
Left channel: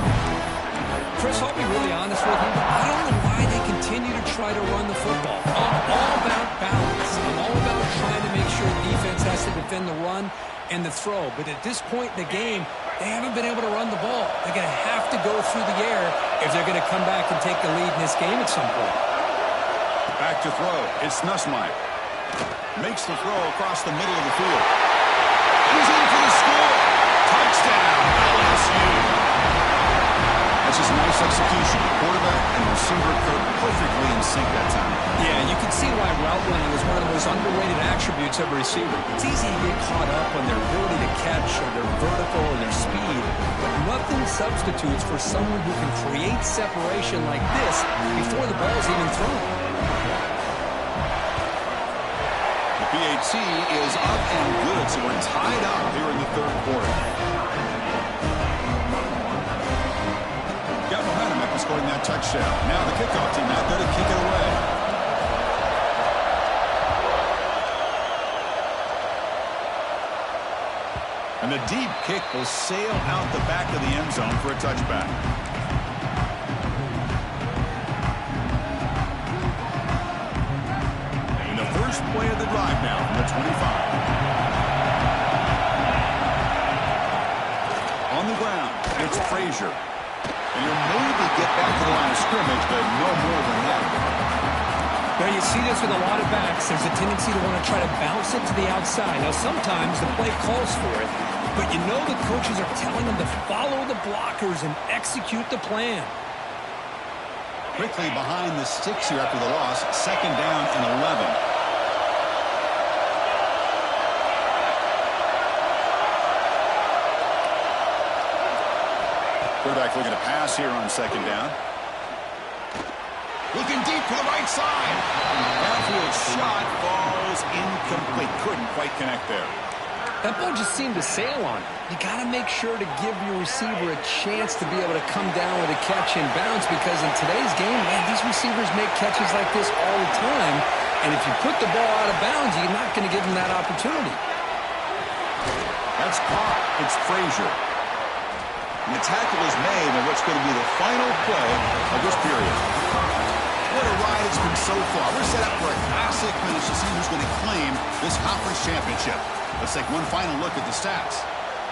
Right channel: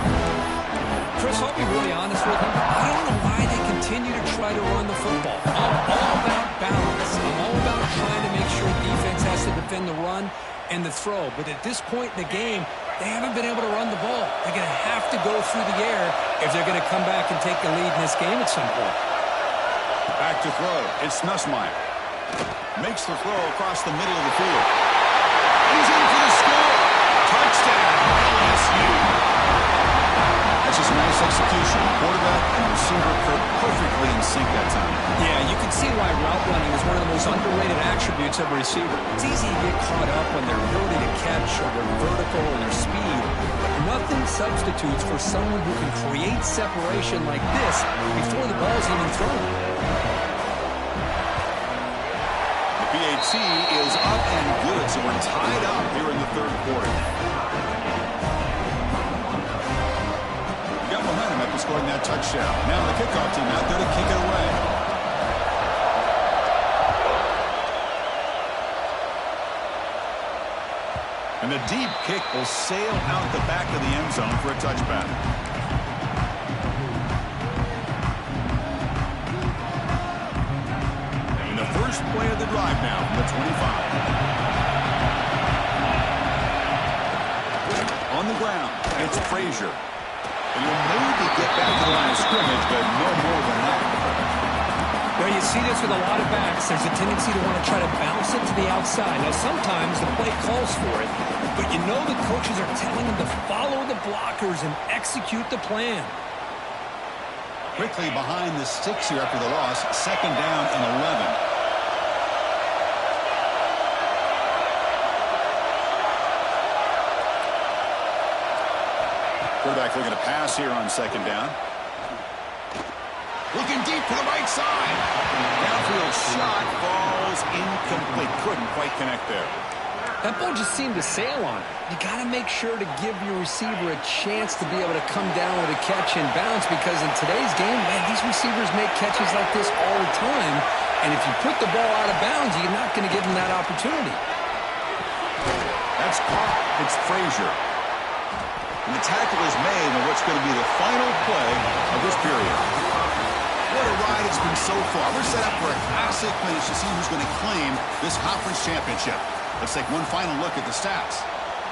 Chris, I'll be really honest with you. I don't know why they continue to try to run the football. I'm all about balance. I'm all about trying to make sure defense has to defend the run and the throw. But at this point in the game, they haven't been able to run the ball. They're going to have to go through the air if they're going to come back and take the lead in this game at some point. Back to throw. It's Nussmeier. Makes the throw across the middle of the field. And he's in for the score. Touchdown, LSU. That's just nice execution. Quarterback and receiver perfectly in sync that time. Yeah, you can see why route running is one of the most underrated attributes of a receiver. It's easy to get caught up on their ability to catch or their vertical or their speed, but nothing substitutes for someone who can create separation like this before the ball's even thrown. The PAT is up and good, so we're tied up here in the 3rd quarter. Got momentum in scoring that touchdown. Now the kickoff team out there to kick it away. And the deep kick will sail out the back of the end zone for a touchback. And the first play of the drive now from the 25. On the ground, it's Frazier. And he'll maybe get back to the line of scrimmage, but no more than that. Well, you see this with a lot of backs. There's a tendency to want to try to bounce it to the outside. Now, sometimes the play calls for it, but you know the coaches are telling them to follow the blockers and execute the plan. Quickly behind the sticks here after the loss, second down and 11. Quarterback looking to pass here on second down. Looking deep to the right side. Downfield shot falls incomplete. Couldn't quite connect there. That ball just seemed to sail on it. You got to make sure to give your receiver a chance to be able to come down with a catch and bounce, because in today's game, man, these receivers make catches like this all the time. And if you put the ball out of bounds, you're not going to give them that opportunity. That's caught. It's Frazier. And the tackle is made in what's going to be the final play of this period. What a ride it's been so far. We're set up for a classic finish to see who's going to claim this conference championship. Let's take one final look at the stats.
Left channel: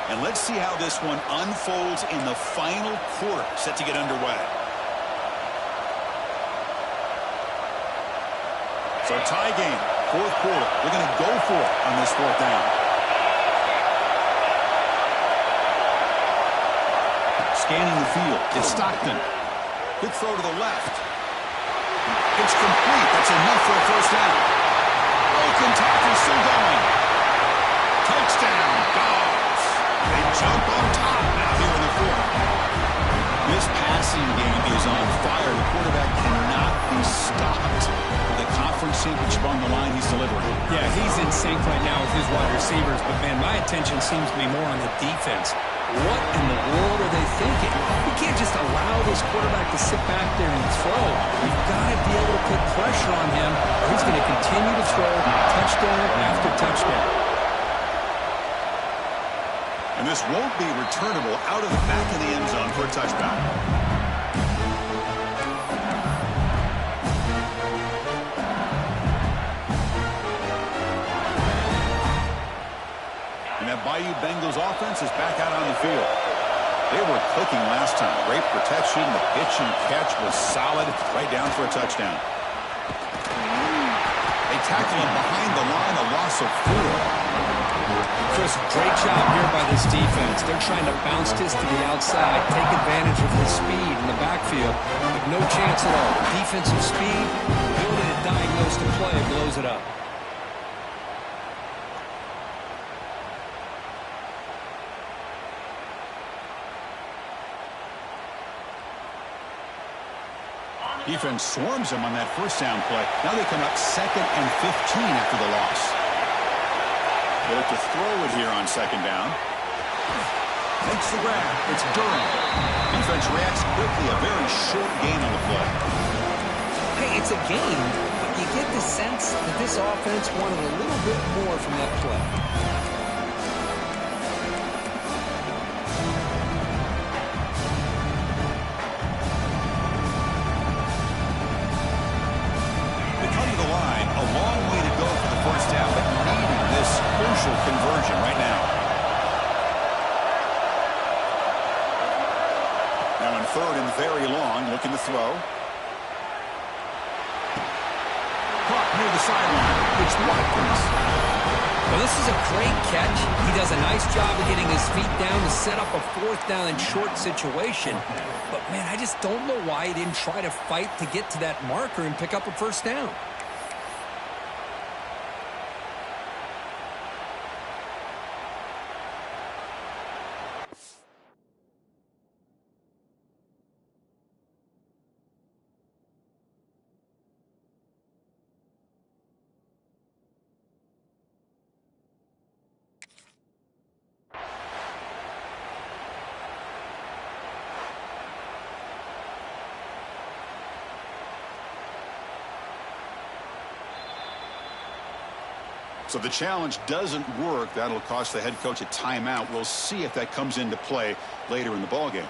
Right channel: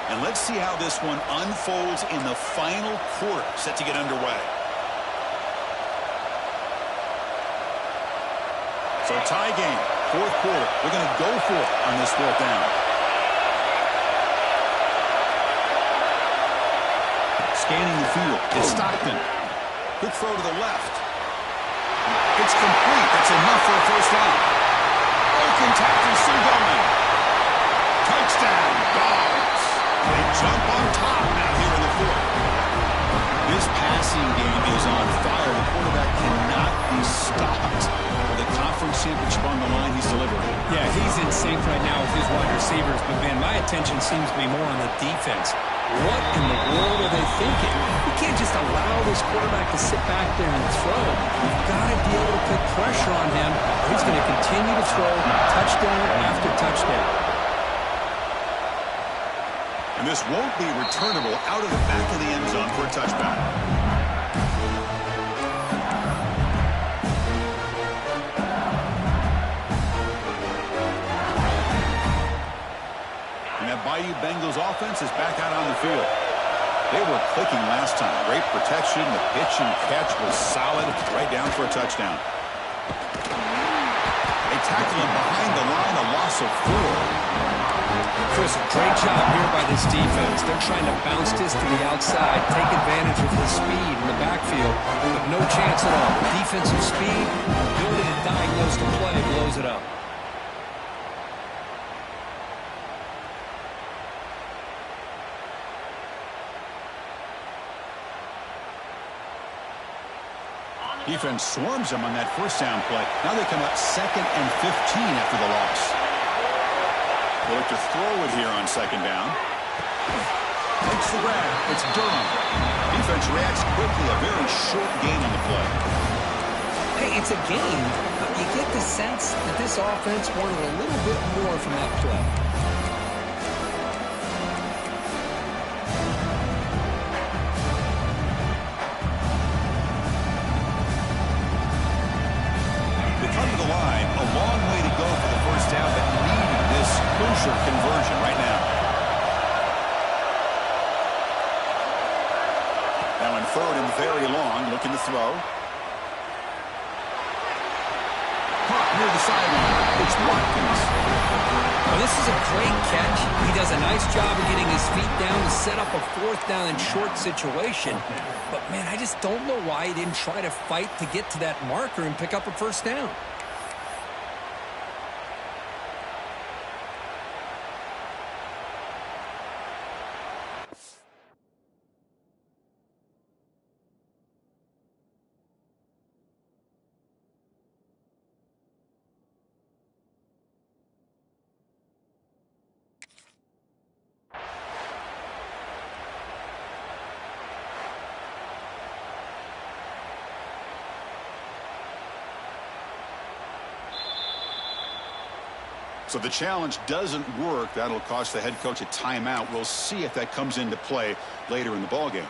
And let's see how this one unfolds in the final quarter, set to get underway. So a tie game, fourth quarter. They're going to go for it on this fourth down. Scanning the field, it's Stockton. Quick throw to the left. It's complete. That's enough for a first down. Broken tackle, still going. Touchdown, Dogs. They jump on top now here in the fourth. This passing game is on fire. The quarterback cannot be stopped. With the conference championship on the line, he's delivering. Yeah, he's in sync right now with his wide receivers, but, man, my attention seems to be more on the defense. What in the world are they thinking? You can't just allow this quarterback to sit back there and throw. You've got to be able to put pressure on him, or he's going to continue to throw touchdown after touchdown. And this won't be returnable out of the back of the end zone for a touchback. And that Bayou Bengals offense is back out on the field. They were clicking last time. Great protection. The pitch and catch was solid. Right down for a touchdown. They tackle him behind the line. A loss of 4. Chris, great job here by this defense. They're trying to bounce this to the outside, take advantage of his speed in the backfield, but no chance at all. Defensive speed, ability to diagnose the play, blows it up. Defense swarms him on that first down play. Now they come up 2nd and 15 after the loss. They look to throw it here on second down. Takes the grab. It's Durham. Defense reacts quickly. A very short gain on the play. Hey, it's a game, but you get the sense that this offense wanted a little bit more from that play. The line, a long way to go for the first down, but needing this crucial conversion right now. Now in 3rd and very long, looking to throw. Caught near the sideline. It's Watkins. Well, this is a great catch. He does a nice job of getting his feet down to set up a fourth down and short situation. But, man, I just don't know why he didn't try to fight to get to that marker and pick up a first down. So the challenge doesn't work. That'll cost the head coach a timeout. We'll see if that comes into play later in the ballgame.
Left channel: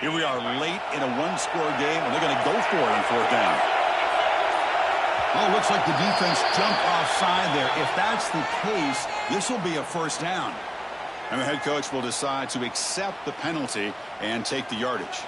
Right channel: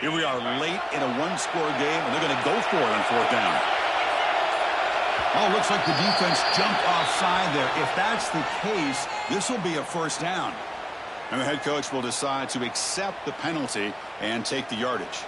Here we are late in a one-score game, and they're going to go for it on fourth down. Oh, looks like the defense jumped offside there. If that's the case, this will be a first down. And the head coach will decide to accept the penalty and take the yardage.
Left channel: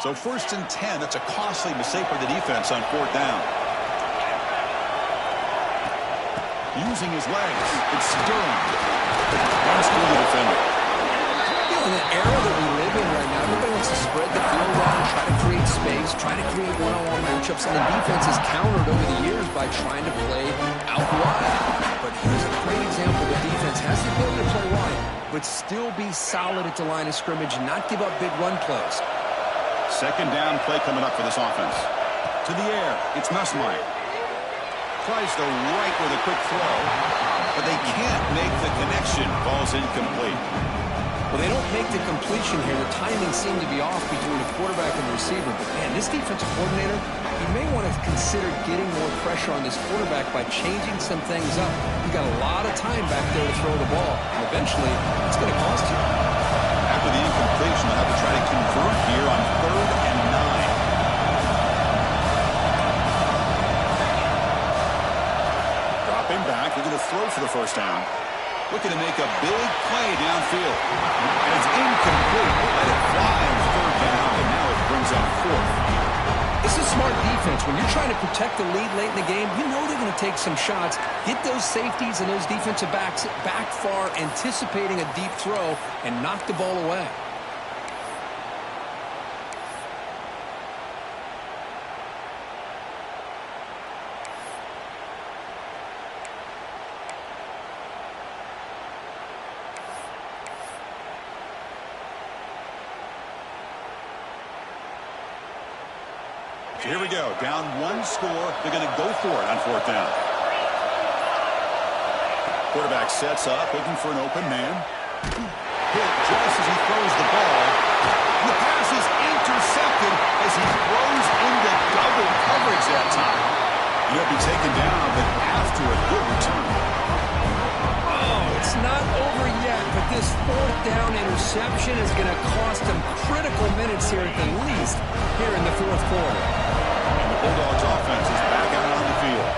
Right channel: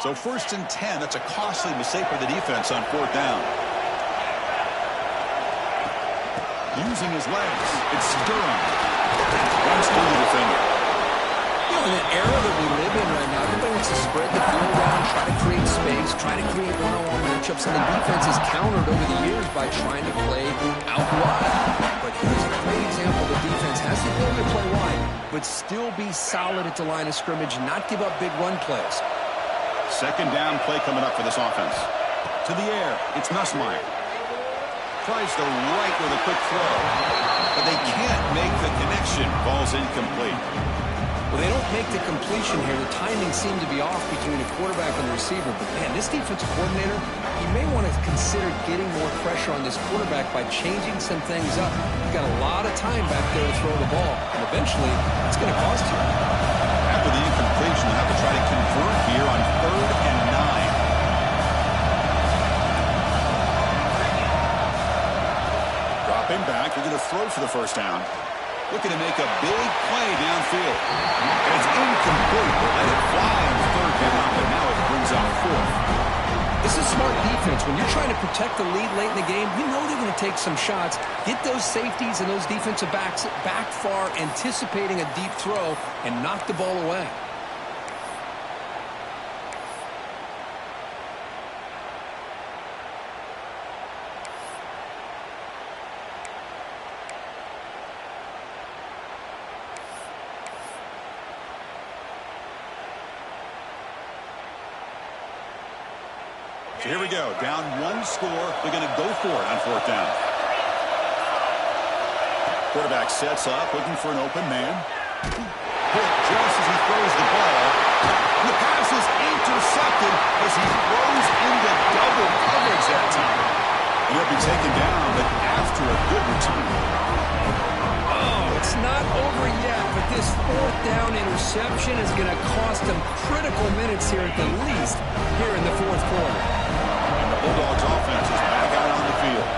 So 1st and 10, that's a costly mistake for the defense on fourth down. Using his legs, it's Durham. Runs through the defender. You know, in the era that we live in right now, everybody wants to spread the field around, try to create space, try to create one-on-one matchups, and the defense is countered over the years by trying to play out wide. But here's a great example. The defense has the ability to play wide, but still be solid at the line of scrimmage, not give up big run plays. Second down play coming up for this offense. To the air, it's Nussmeier. Tries the right with a quick throw, but they can't make the connection. Ball's incomplete. Well, they don't make the completion here. The timing seemed to be off between the quarterback and the receiver. But, man, this defensive coordinator, he may want to consider getting more pressure on this quarterback by changing some things up. You got a lot of time back there to throw the ball, and eventually it's going to cost you. After the incompletion, they'll have to try to convert here on 3rd and 9. Dropping back, they're going to throw for the first down. Looking to make a big play downfield. And it's incomplete. They let it fly on 3rd down, but now it brings up 4th. This is smart defense. When you're trying to protect the lead late in the game, you know they're going to take some shots, get those safeties and those defensive backs back far, anticipating a deep throw, and knock the ball away. So here we go. Down 1 score. They're going to go for it on 4th down. Quarterback sets up, looking for an open man. Hit just as he throws the ball. And the pass is intercepted as he throws into double coverage that time. And he'll be taken down, but after a good return. Oh, it's not over yet, but this 4th down interception is going to cost them critical minutes here at the least here in the 4th quarter. And the Bulldogs offense is back out on the field.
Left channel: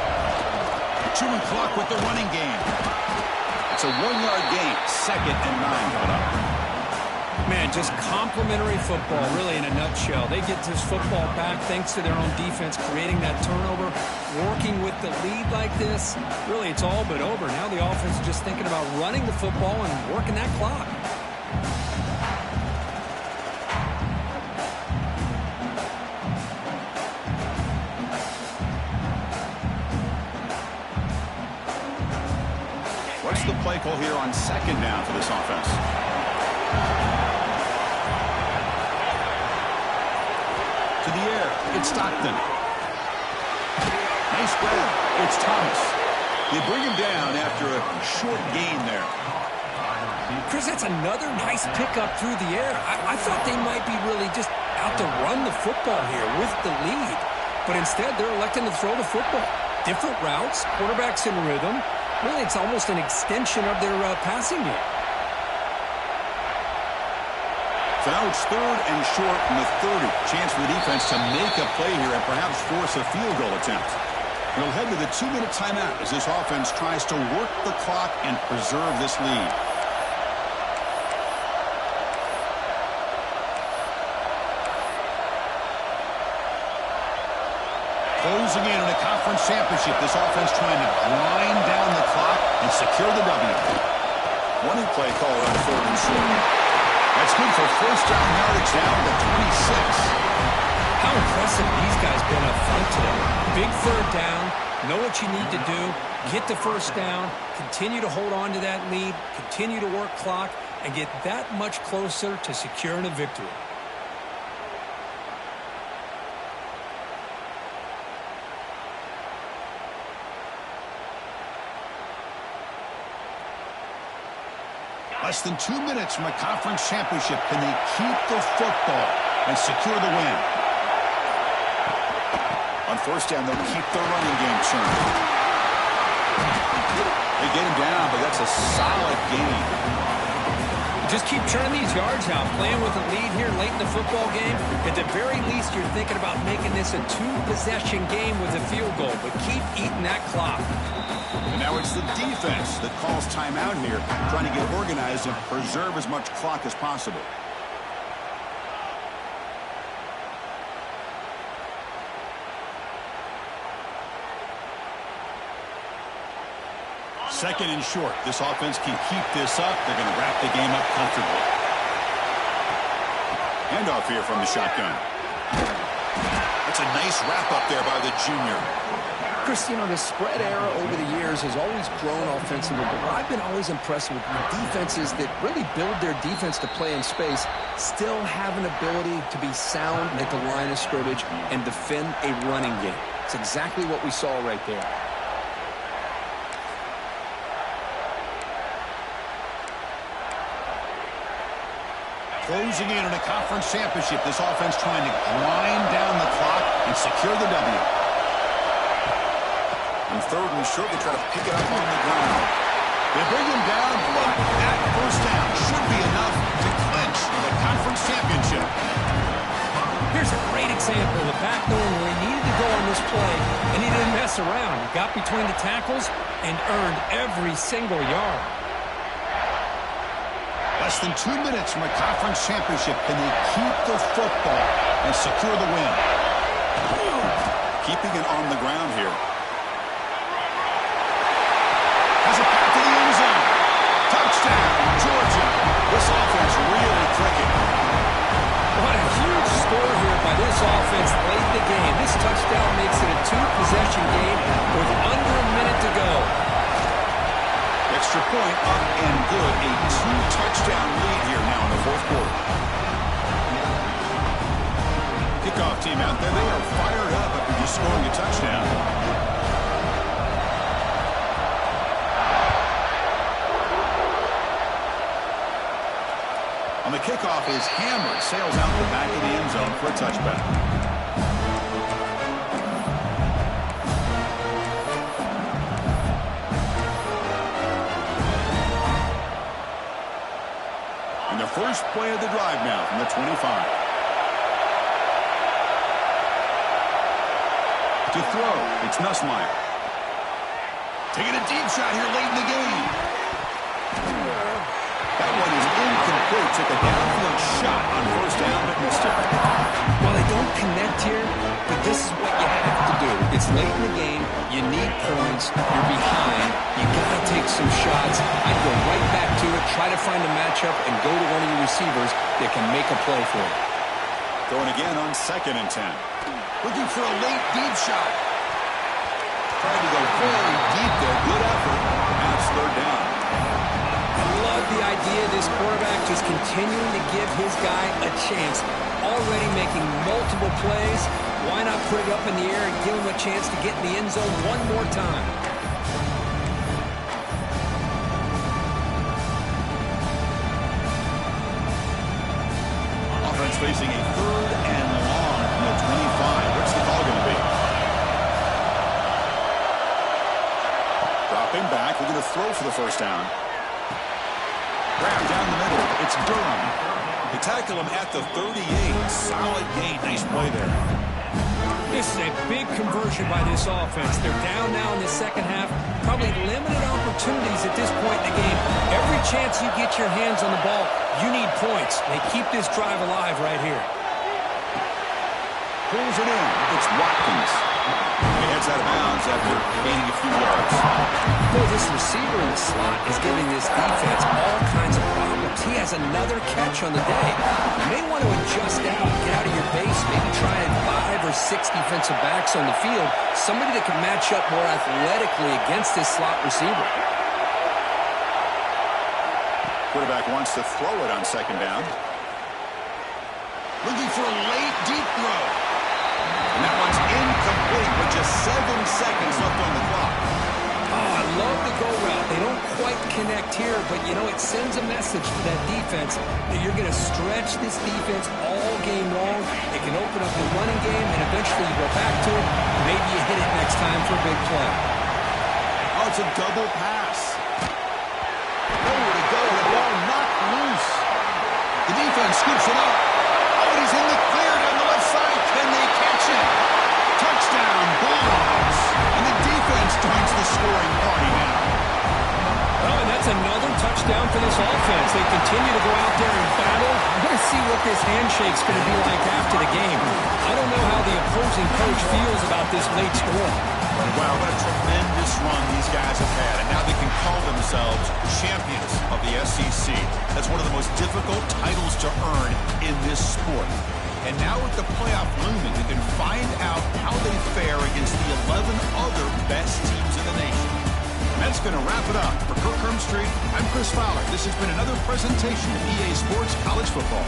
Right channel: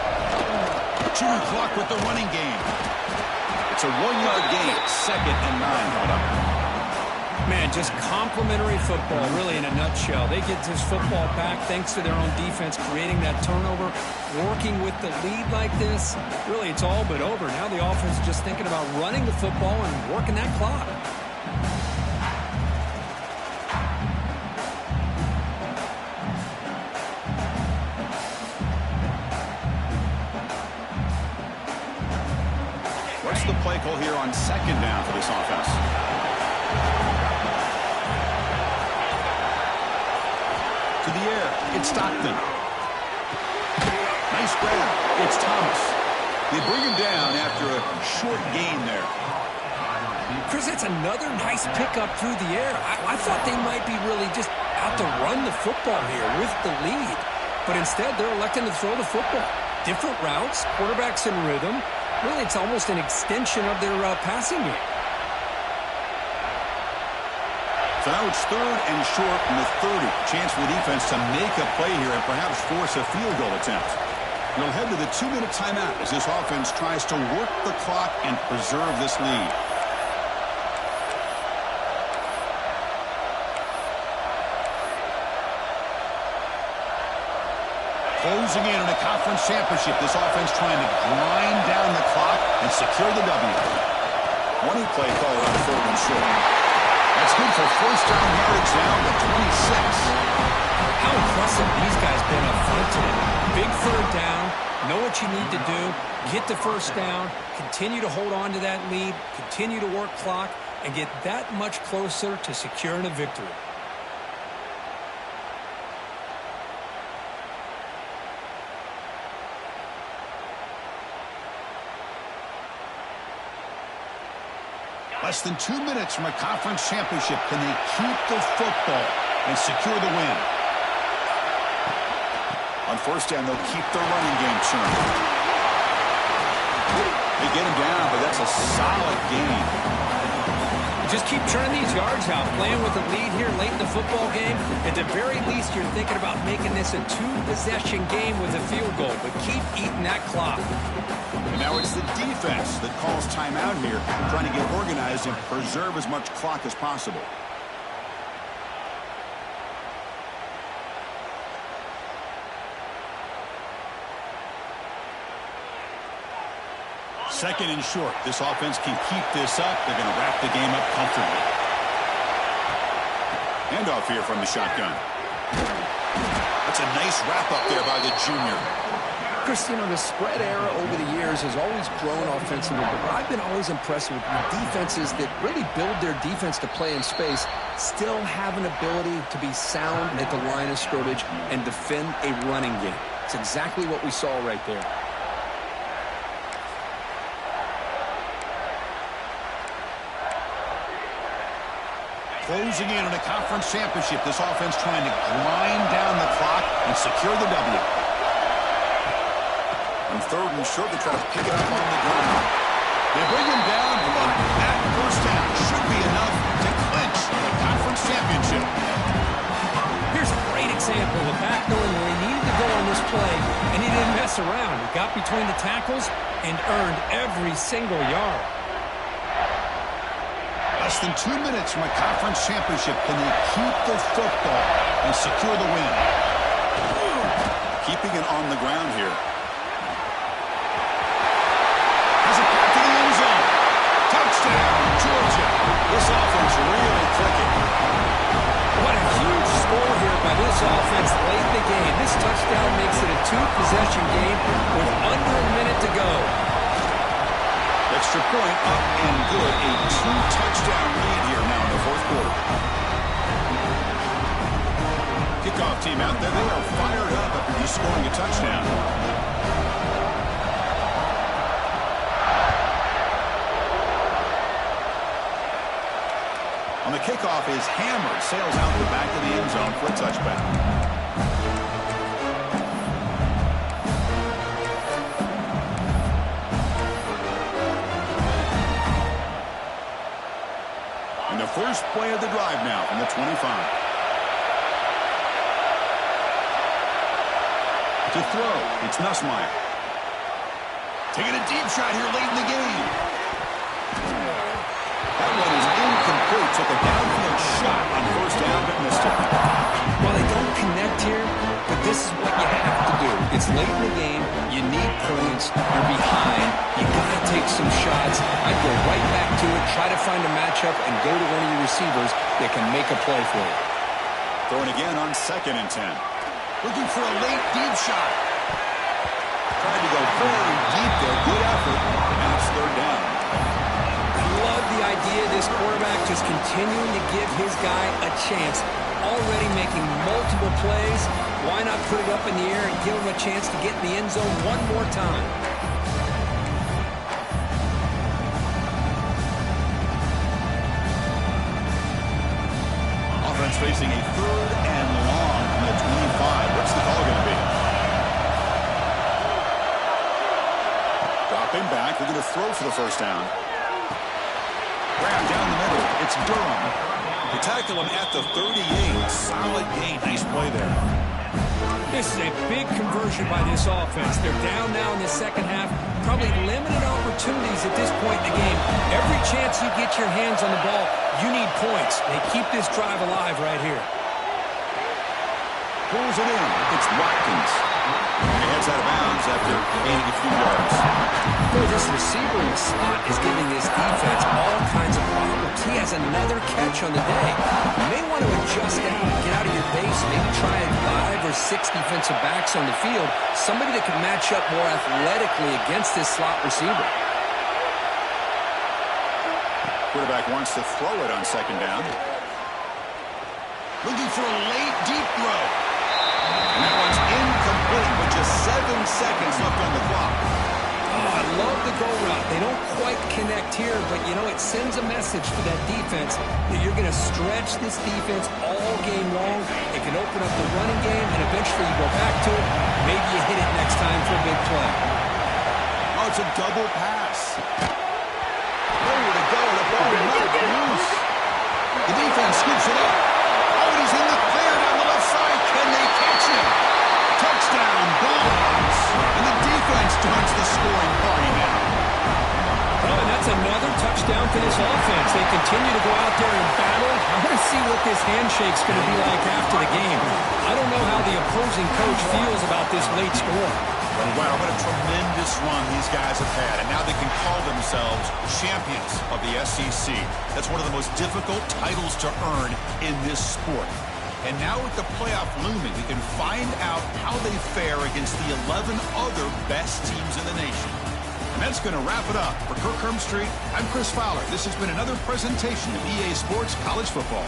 Chewing clock with the running game. It's a 1-yard gain. 2nd and 9 coming up. Man, just complimentary football, really, in a nutshell. They get this football back thanks to their own defense, creating that turnover, working with the lead like this. Really, it's all but over. Now the offense is just thinking about running the football and working that clock. What's the play call here on 2nd down for this offense? To the air, it's Stockton. Nice grab, it's Thomas. They bring him down after a short gain there. Chris, that's another nice pickup through the air. I thought they might be really just out to run the football here with the lead. But instead, they're electing to throw the football. Different routes, quarterbacks in rhythm. Really, it's almost an extension of their passing game. So now it's 3rd and short from the 30. Chance for the defense to make a play here and perhaps force a field goal attempt. We'll head to the 2-minute timeout as this offense tries to work the clock and preserve this lead. Closing in on a conference championship, this offense trying to grind down the clock and secure the W. Running play called on 3rd and short. That's good for first down yardage down to 26. How impressive these guys been up front today. Big 3rd down, Know what you need to do, get the first down, continue to hold on to that lead, continue to work clock, and get that much closer to securing a victory. Less than 2 minutes from a conference championship. Can they keep the football and secure the win? On first down, they'll keep the running game churning. They get him down, but that's a solid gain. Just keep churning these yards out, playing with a lead here late in the football game. At the very least, you're thinking about making this a two-possession game with a field goal, but keep eating that clock. And now it's the defense that calls timeout here, trying to get organized and preserve as much clock as possible. Second and short. This offense can keep this up. They're going to wrap the game up comfortably. Handoff here from the shotgun. That's a nice wrap up there by the junior. Chris, you know, the spread era over the years has always grown offensively, but I've been always impressed with defenses that really build their defense to play in space, still have an ability to be sound at the line of scrimmage and defend a running game. It's exactly what we saw right there. Closing in on a conference championship, this offense trying to grind down the clock and secure the W. On third and short, they try to pick it up on the ground. They bring him down, but that first down should be enough to clinch the conference championship. Here's a great example of back knowing where he needed to go on this play, and he didn't mess around. He got between the tackles and earned every single yard. Less than 2 minutes from a conference championship. Can they keep the football and secure the win? Keeping it on the ground here. Has a path to the end zone. Touchdown, Georgia. This offense really clicking. What a huge score here by this offense late in the game. This touchdown makes it a two-possession game with under a minute to go. Extra point up and good. A two-touchdown lead here now in the fourth quarter. Kickoff team out there. They are fired up after just scoring a touchdown. On the kickoff is hammered. Sails out the back of the end zone for a touchback. And the first play of the drive now from the 25. To throw, it's Nussmeier. Taking a deep shot here late in the game. That one is incomplete. Took a downfield shot on first down, but missed it. Well, they don't connect here, but this is what you have to do. It's late in the game. You need points. You're behind. You got to take some shots. I'd go right back to it, try to find a matchup, and go to one of your receivers that can make a play for you. Throwing again on 2nd and 10. Looking for a late deep shot. Tried to go very deep there. Good effort. Now it's third down. I love the idea of this quarterback just continuing to give his guy a chance. Already making multiple plays. Why not put it up in the air and give him a chance to get in the end zone one more time? Offense facing a third and long from the 25. What's the call going to be? Dropping back. Looking to throw for the first down. Grab down the middle. It's Durham. They tackle him at the 38. Solid gain. Nice play there. This is a big conversion by this offense. They're down now in the second half. Probably limited opportunities at this point in the game. Every chance you get your hands on the ball, you need points. They keep this drive alive right here. Pulls it in. It's Watkins. And he heads out of bounds after gaining a few yards. Boy, this receiver in the slot is giving this defense all kinds of problems. He has another catch on the day. You may want to adjust out, get out of your base, maybe try 5 or 6 defensive backs on the field, somebody that can match up more athletically against this slot receiver. Quarterback wants to throw it on second down. Looking for a late, deep throw. And that one's incomplete with just 7 seconds left on the clock. Oh, I love the go route. They don't quite connect here, but, you know, it sends a message to that defense that you're going to stretch this defense all game long. It can open up the running game, and eventually you go back to it. Maybe you hit it next time for a big play. Oh, it's a double pass. Nowhere to go. The ball knocked loose. The defense scoops it up. Oh, and he's in the clear down the left side. Can they catch him? Touchdown, Bulldogs. And the defense joins the scoring party now. Well, and that's another touchdown for this offense. They continue to go out there and battle. I want to see what this handshake's going to be like after the game. I don't know how the opposing coach feels about this late score. Wow, what a tremendous run these guys have had. And now they can call themselves champions of the SEC. That's one of the most difficult titles to earn in this sport. And now with the playoff looming, we can find out how they fare against the 11 other best teams in the nation. And that's going to wrap it up. For Kirk Hermstreet, I'm Chris Fowler. This has been another presentation of EA Sports College Football.